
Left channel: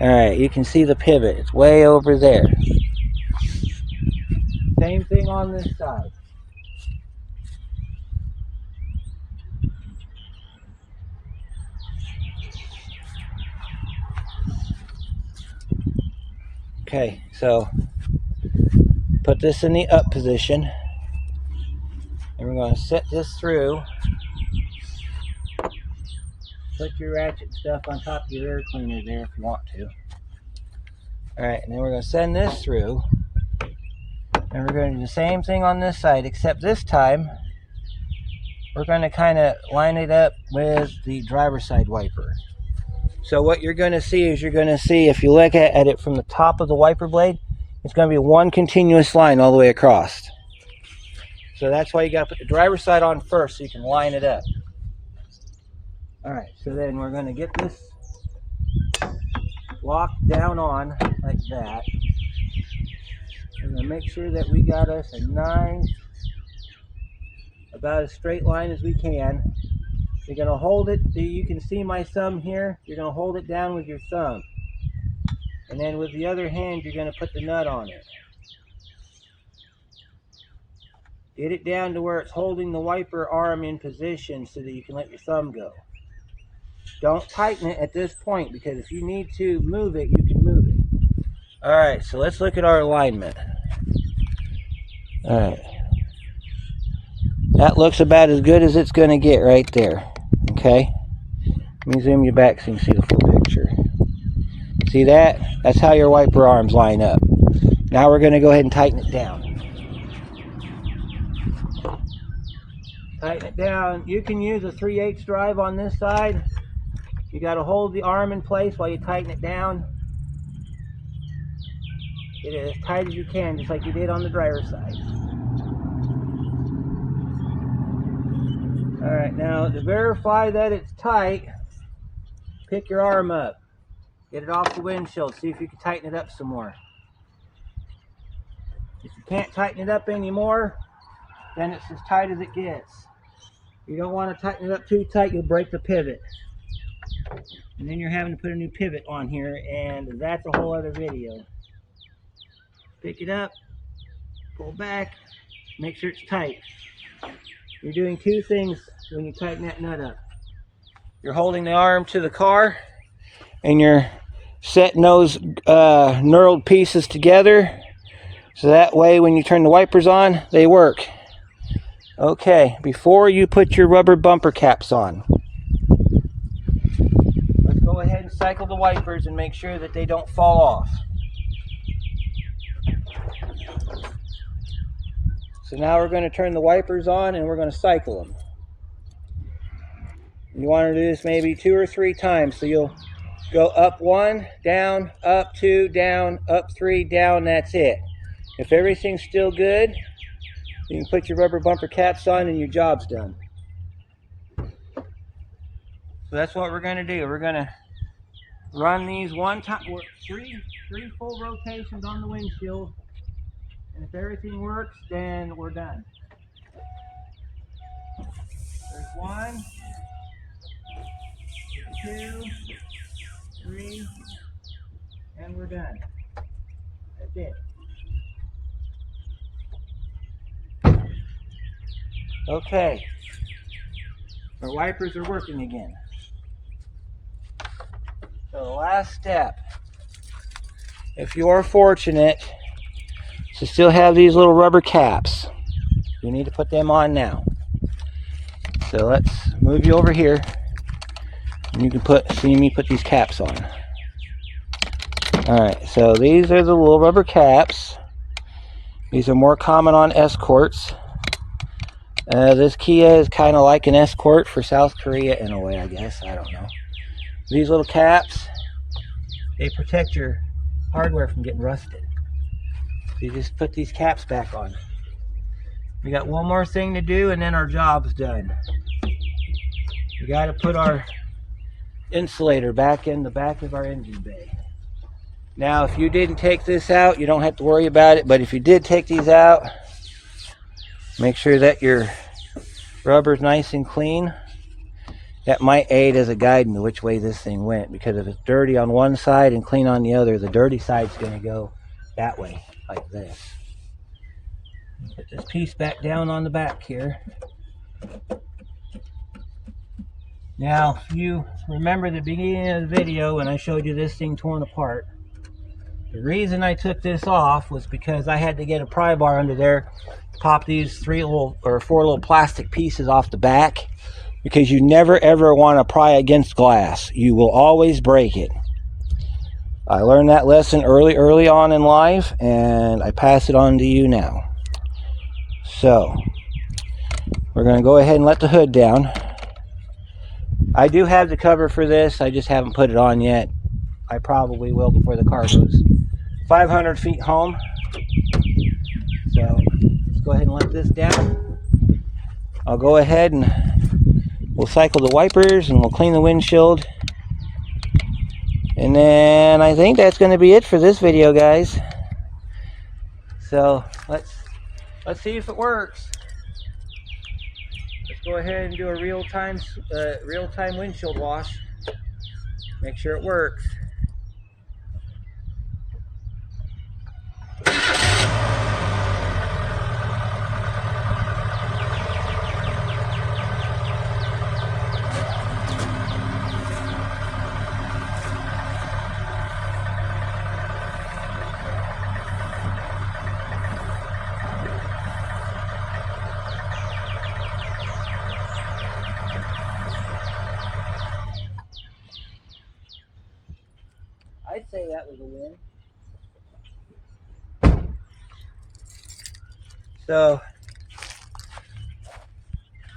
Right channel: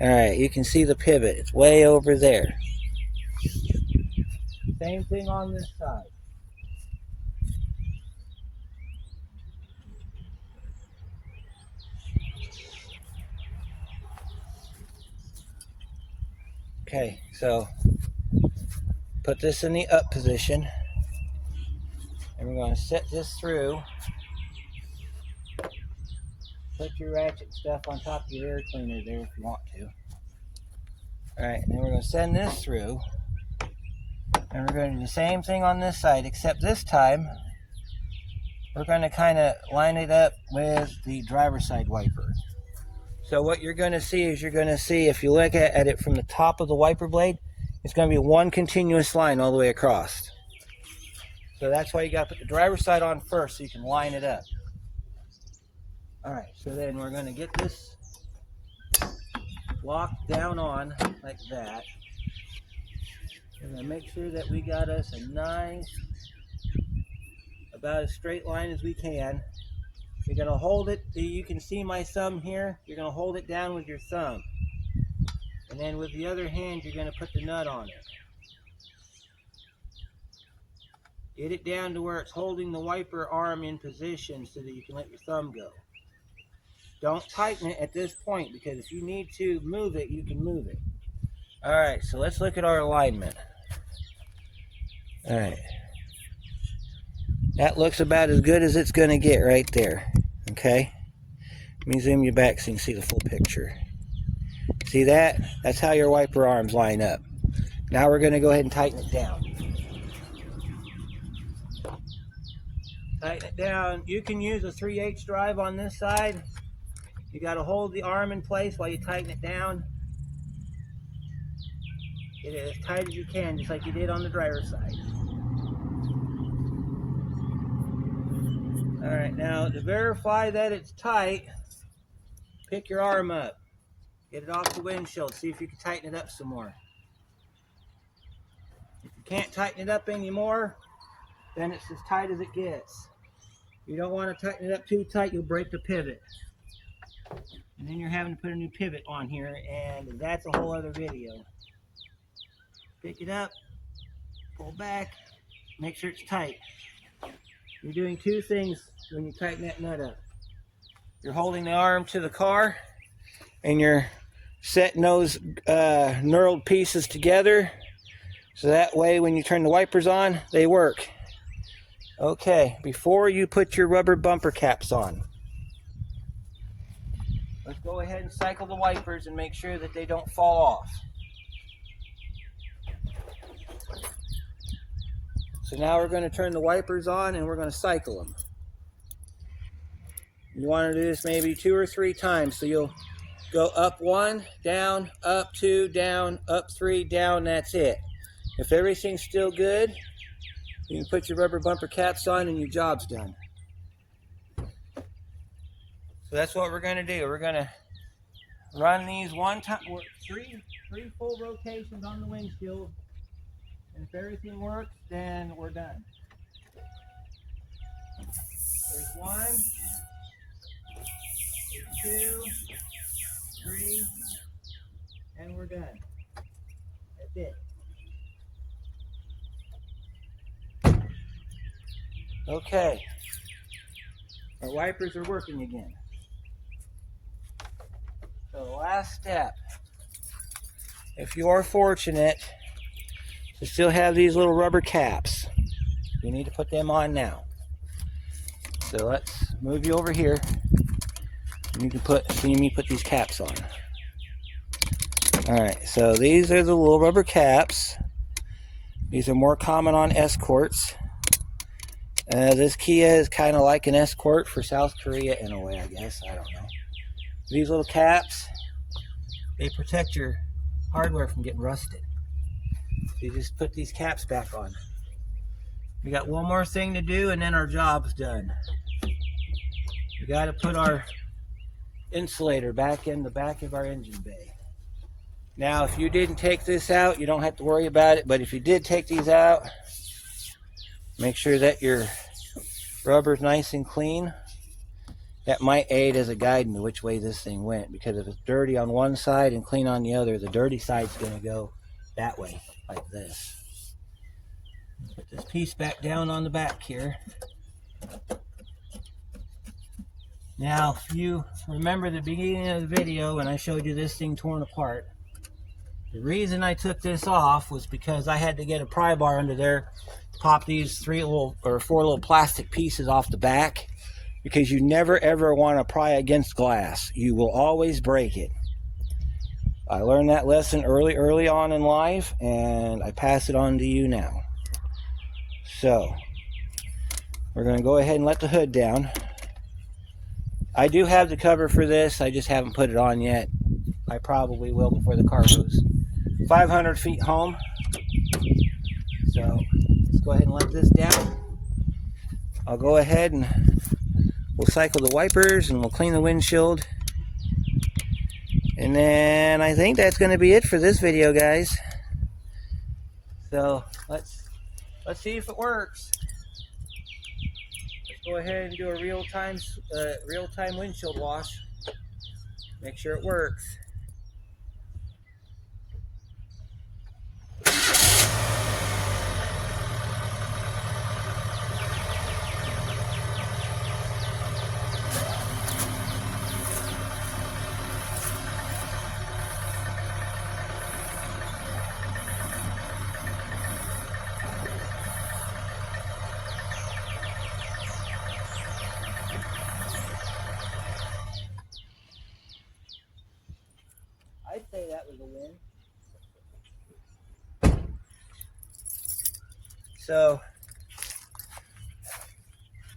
Alright, you can see the pivot. It's way over there. Same thing on this side. Okay, so put this in the up position. And we're going to set this through. Put your ratchet stuff on top of your air cleaner there if you want to. Alright, and then we're going to send this through. And we're going to do the same thing on this side, except this time we're going to kind of line it up with the driver's side wiper. So what you're going to see is, you're going to see, if you look at it from the top of the wiper blade, it's going to be one continuous line all the way across. So that's why you got to put the driver's side on first so you can line it up. Alright, so then we're going to get this locked down on like that. And then make sure that we got us a nice, about as straight line as we can. You're going to hold it, you can see my thumb here, you're going to hold it down with your thumb. And then with the other hand, you're going to put the nut on it. Get it down to where it's holding the wiper arm in position so that you can let your thumb go. Don't tighten it at this point, because if you need to move it, you can move it. Alright, so let's look at our alignment. Alright. That looks about as good as it's going to get right there. Okay? Let me zoom you back so you can see the full picture. See that? That's how your wiper arms line up. Now we're going to go ahead and tighten it down. Tighten it down. You can use a 3/8 drive on this side. You got to hold the arm in place while you tighten it down. Get it as tight as you can, just like you did on the driver's side. Alright, now to verify that it's tight, pick your arm up. Get it off the windshield. See if you can tighten it up some more. If you can't tighten it up anymore, then it's as tight as it gets. You don't want to tighten it up too tight, you'll break the pivot. And then you're having to put a new pivot on here, and that's a whole other video. Pick it up, pull back, make sure it's tight. You're doing two things when you tighten that nut up. You're holding the arm to the car, and you're setting those knurled pieces together, so that way when you turn the wipers on, they work. Okay, before you put your rubber bumper caps on, let's go ahead and cycle the wipers and make sure that they don't fall off. So now we're going to turn the wipers on and we're going to cycle them. You want to do this maybe 2 or 3 times, so you'll go up 1, down, up 2, down, up 3, down, that's it. If everything's still good, you can put your rubber bumper caps on and your job's done. So that's what we're going to do. We're going to run these one time, three full rotations on the windshield. And if everything works, then we're done. There's 1, 2, 3, and we're done. That's it. Okay. Our wipers are working again. So the last step, if you're fortunate to still have these little rubber caps, you need to put them on now. So let's move you over here, and you can see me put these caps on. Alright, so these are the little rubber caps. These are more common on Escorts. This Kia is kind of like an Escort for South Korea in a way, I guess. I don't know. These little caps, they protect your hardware from getting rusted. So you just put these caps back on. We got one more thing to do and then our job's done. We got to put our insulator back in the back of our engine bay. Now if you didn't take this out, you don't have to worry about it, but if you did take these out, make sure that your rubber's nice and clean. that might aid as a guide in which way this thing went, because if it's dirty on one side and clean on the other, the dirty side's going to go that way, like this. Put this piece back down on the back here. Now, if you remember the beginning of the video when I showed you this thing torn apart, the reason I took this off was because I had to get a pry bar under there, pop these 4 little plastic pieces off the back, because you never ever want to pry against glass. You will always break it. I learned that lesson early on in life, and I pass it on to you now. So, we're going to go ahead and let the hood down. I do have the cover for this, I just haven't put it on yet. I probably will before the car goes 500 feet home. So, let's go ahead and let this down. I'll go ahead and we'll cycle the wipers and we'll clean the windshield. And then I think that's going to be it for this video, guys. So, let's see if it works. Let's go ahead and do a real-time windshield wash. Make sure it works. I'd say that was a win. So,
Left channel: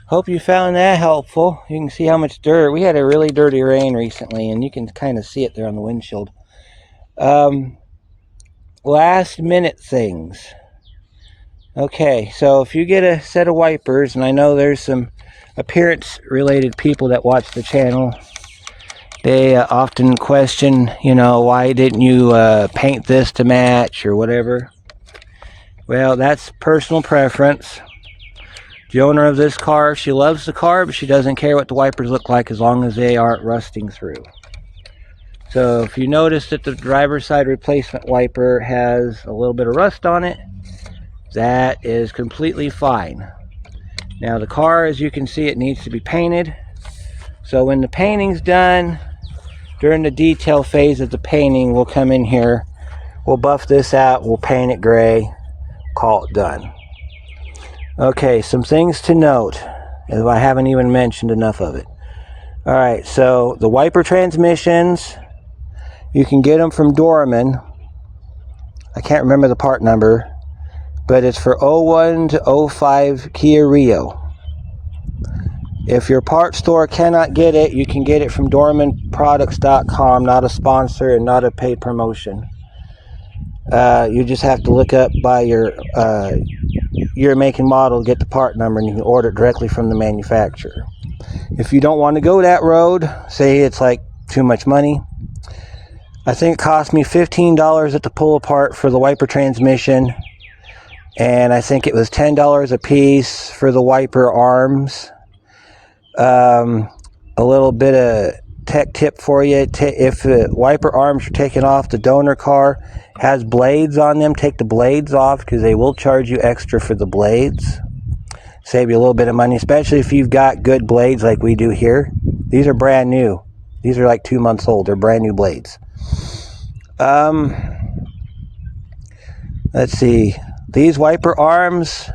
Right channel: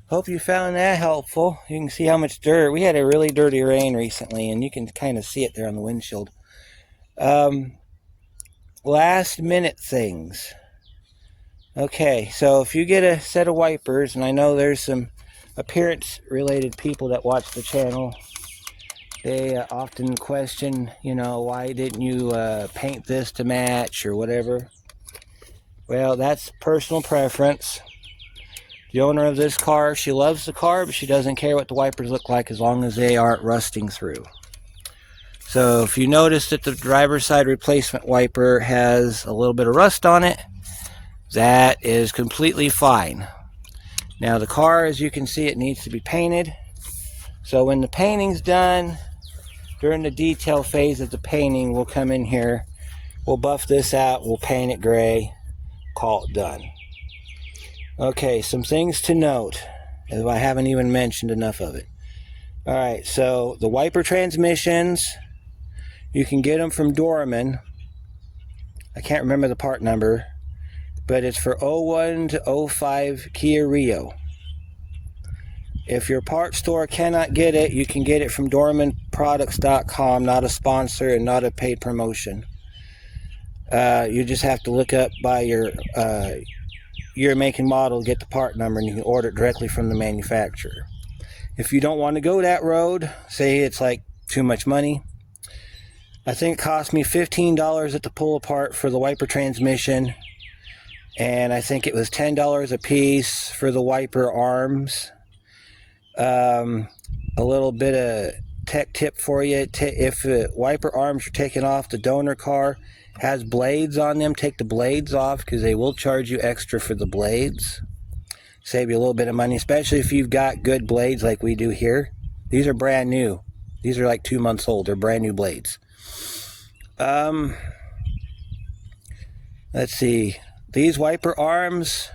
hope you found that helpful. You can see how much dirt. We had a really dirty rain recently, and you can kind of see it there on the windshield. Last minute things. Okay, so if you get a set of wipers, and I know there's some appearance related people that watch the channel, they often question, why didn't you paint this to match or whatever. Well, that's personal preference. The owner of this car, she loves the car, but she doesn't care what the wipers look like as long as they aren't rusting through. So if you notice that the driver's side replacement wiper has a little bit of rust on it, that is completely fine. Now the car, as you can see, it needs to be painted. So when the painting's done, during the detail phase of the painting, we'll come in here, we'll buff this out, we'll paint it gray, call it done. Okay, some things to note, as I haven't even mentioned enough of it. Alright, so the wiper transmissions, you can get them from Dorman. I can't remember the part number, but it's for 01 to 05 Kia Rio. If your part store cannot get it, you can get it from DormanProducts.com, not a sponsor and not a paid promotion. You just have to look up by your make and model, get the part number, and you can order it directly from the manufacturer. If you don't want to go that road, say it's like too much money, I think it cost me $15 at the pull apart for the wiper transmission, and I think it was $10 a piece for the wiper arms. A little bit of tech tip for you. If the wiper arms are taken off, the donor car has blades on them. Take the blades off, because they will charge you extra for the blades. Save you a little bit of money, especially if you've got good blades like we do here. These are brand new. These are like 2 months old. They're brand new blades. Let's see. These wiper arms,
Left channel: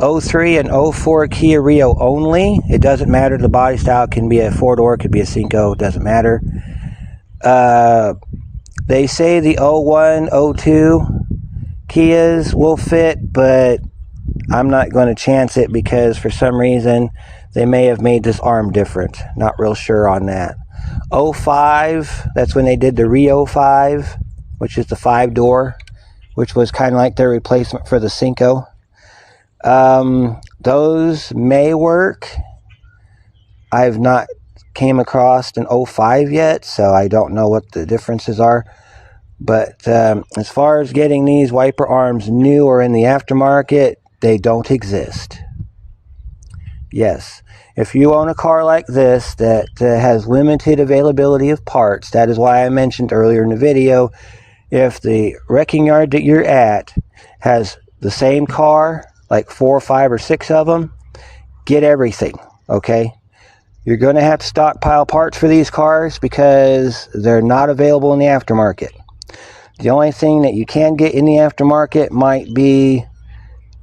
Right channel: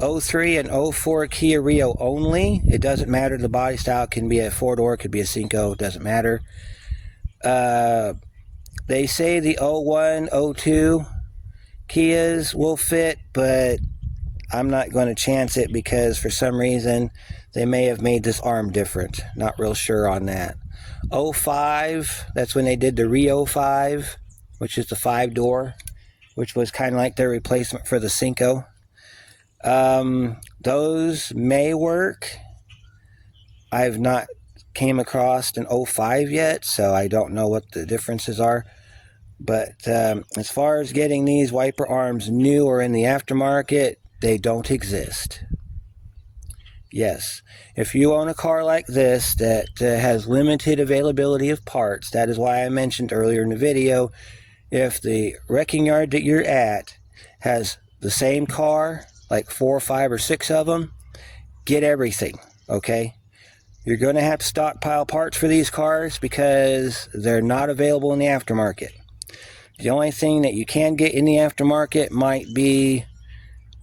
03 and 04 Kia Rio only. It doesn't matter the body style. It can be a 4-door, it could be a Cinco, it doesn't matter. They say the 01, 02 Kias will fit, but I'm not going to chance it, because for some reason they may have made this arm different. Not real sure on that. 05, that's when they did the Rio 5, which is the 5-door, which was kind of like their replacement for the Cinco. Those may work. I've not came across an 05 yet, so I don't know what the differences are. But as far as getting these wiper arms new or in the aftermarket, they don't exist. Yes, If you own a car like this that has limited availability of parts, that is why I mentioned earlier in the video, if the wrecking yard that you're at has the same car, like 4 or 5 or 6 of them, get everything, okay? You're going to have to stockpile parts for these cars because they're not available in the aftermarket. The only thing that you can get in the aftermarket might be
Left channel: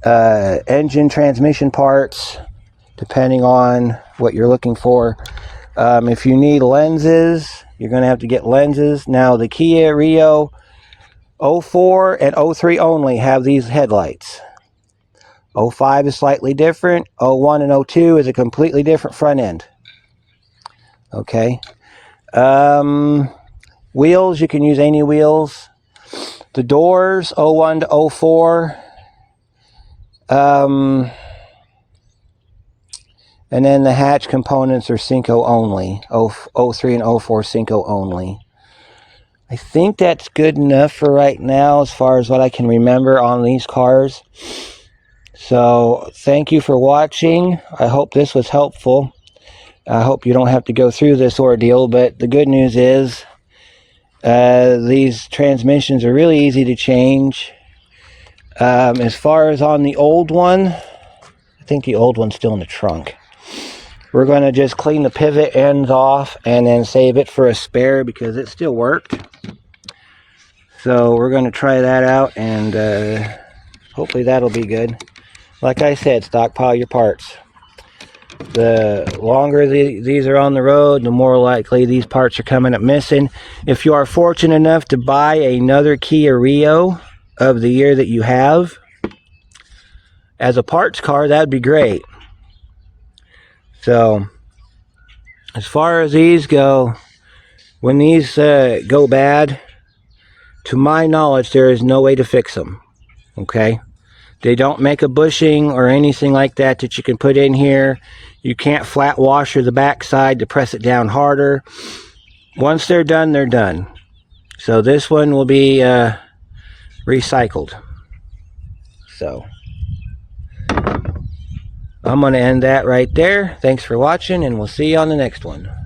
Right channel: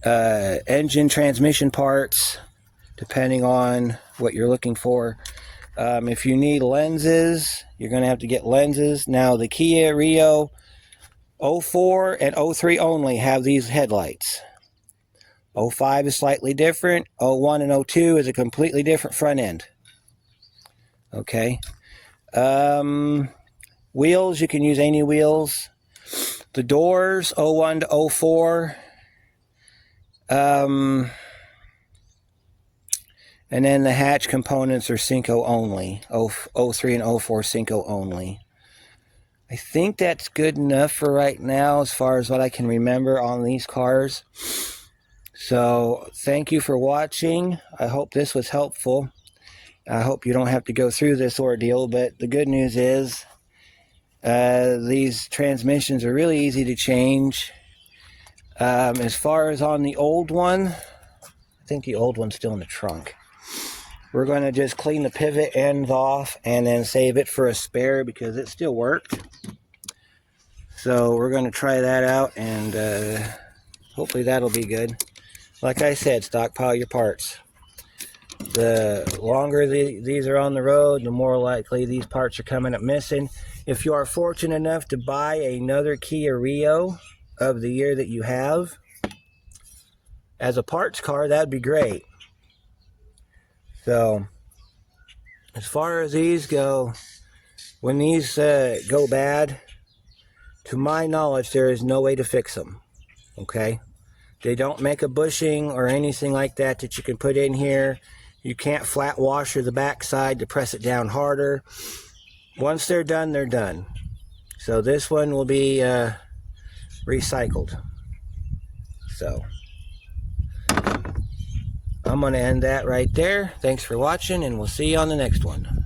engine transmission parts, depending on what you're looking for. If you need lenses, you're going to have to get lenses. Now, the Kia Rio 04 and 03 only have these headlights. 05 is slightly different. 01 and 02 is a completely different front end. Okay. Wheels, you can use any wheels. The doors, 01 to 04. And then the hatch components are Cinco only. 03 and 04 Cinco only. I think that's good enough for right now as far as what I can remember on these cars. So thank you for watching. I hope this was helpful. I hope you don't have to go through this ordeal, but the good news is these transmissions are really easy to change. As far as on the old one, I think the old one's still in the trunk. We're going to just clean the pivot ends off and then save it for a spare because it still worked. So we're going to try that out, and hopefully that'll be good. Like I said, stockpile your parts. The longer these are on the road, the more likely these parts are coming up missing. If you are fortunate enough to buy another Kia Rio of the year that you have as a parts car, that'd be great. So as far as these go, when these go bad, to my knowledge, there is no way to fix them. Okay? They don't make a bushing or anything like that that you can put in here. You can't flat washer the backside to press it down harder. Once they're done, they're done. So this one will be recycled. So I'm going to end that right there. Thanks for watching, and we'll see you on the next one.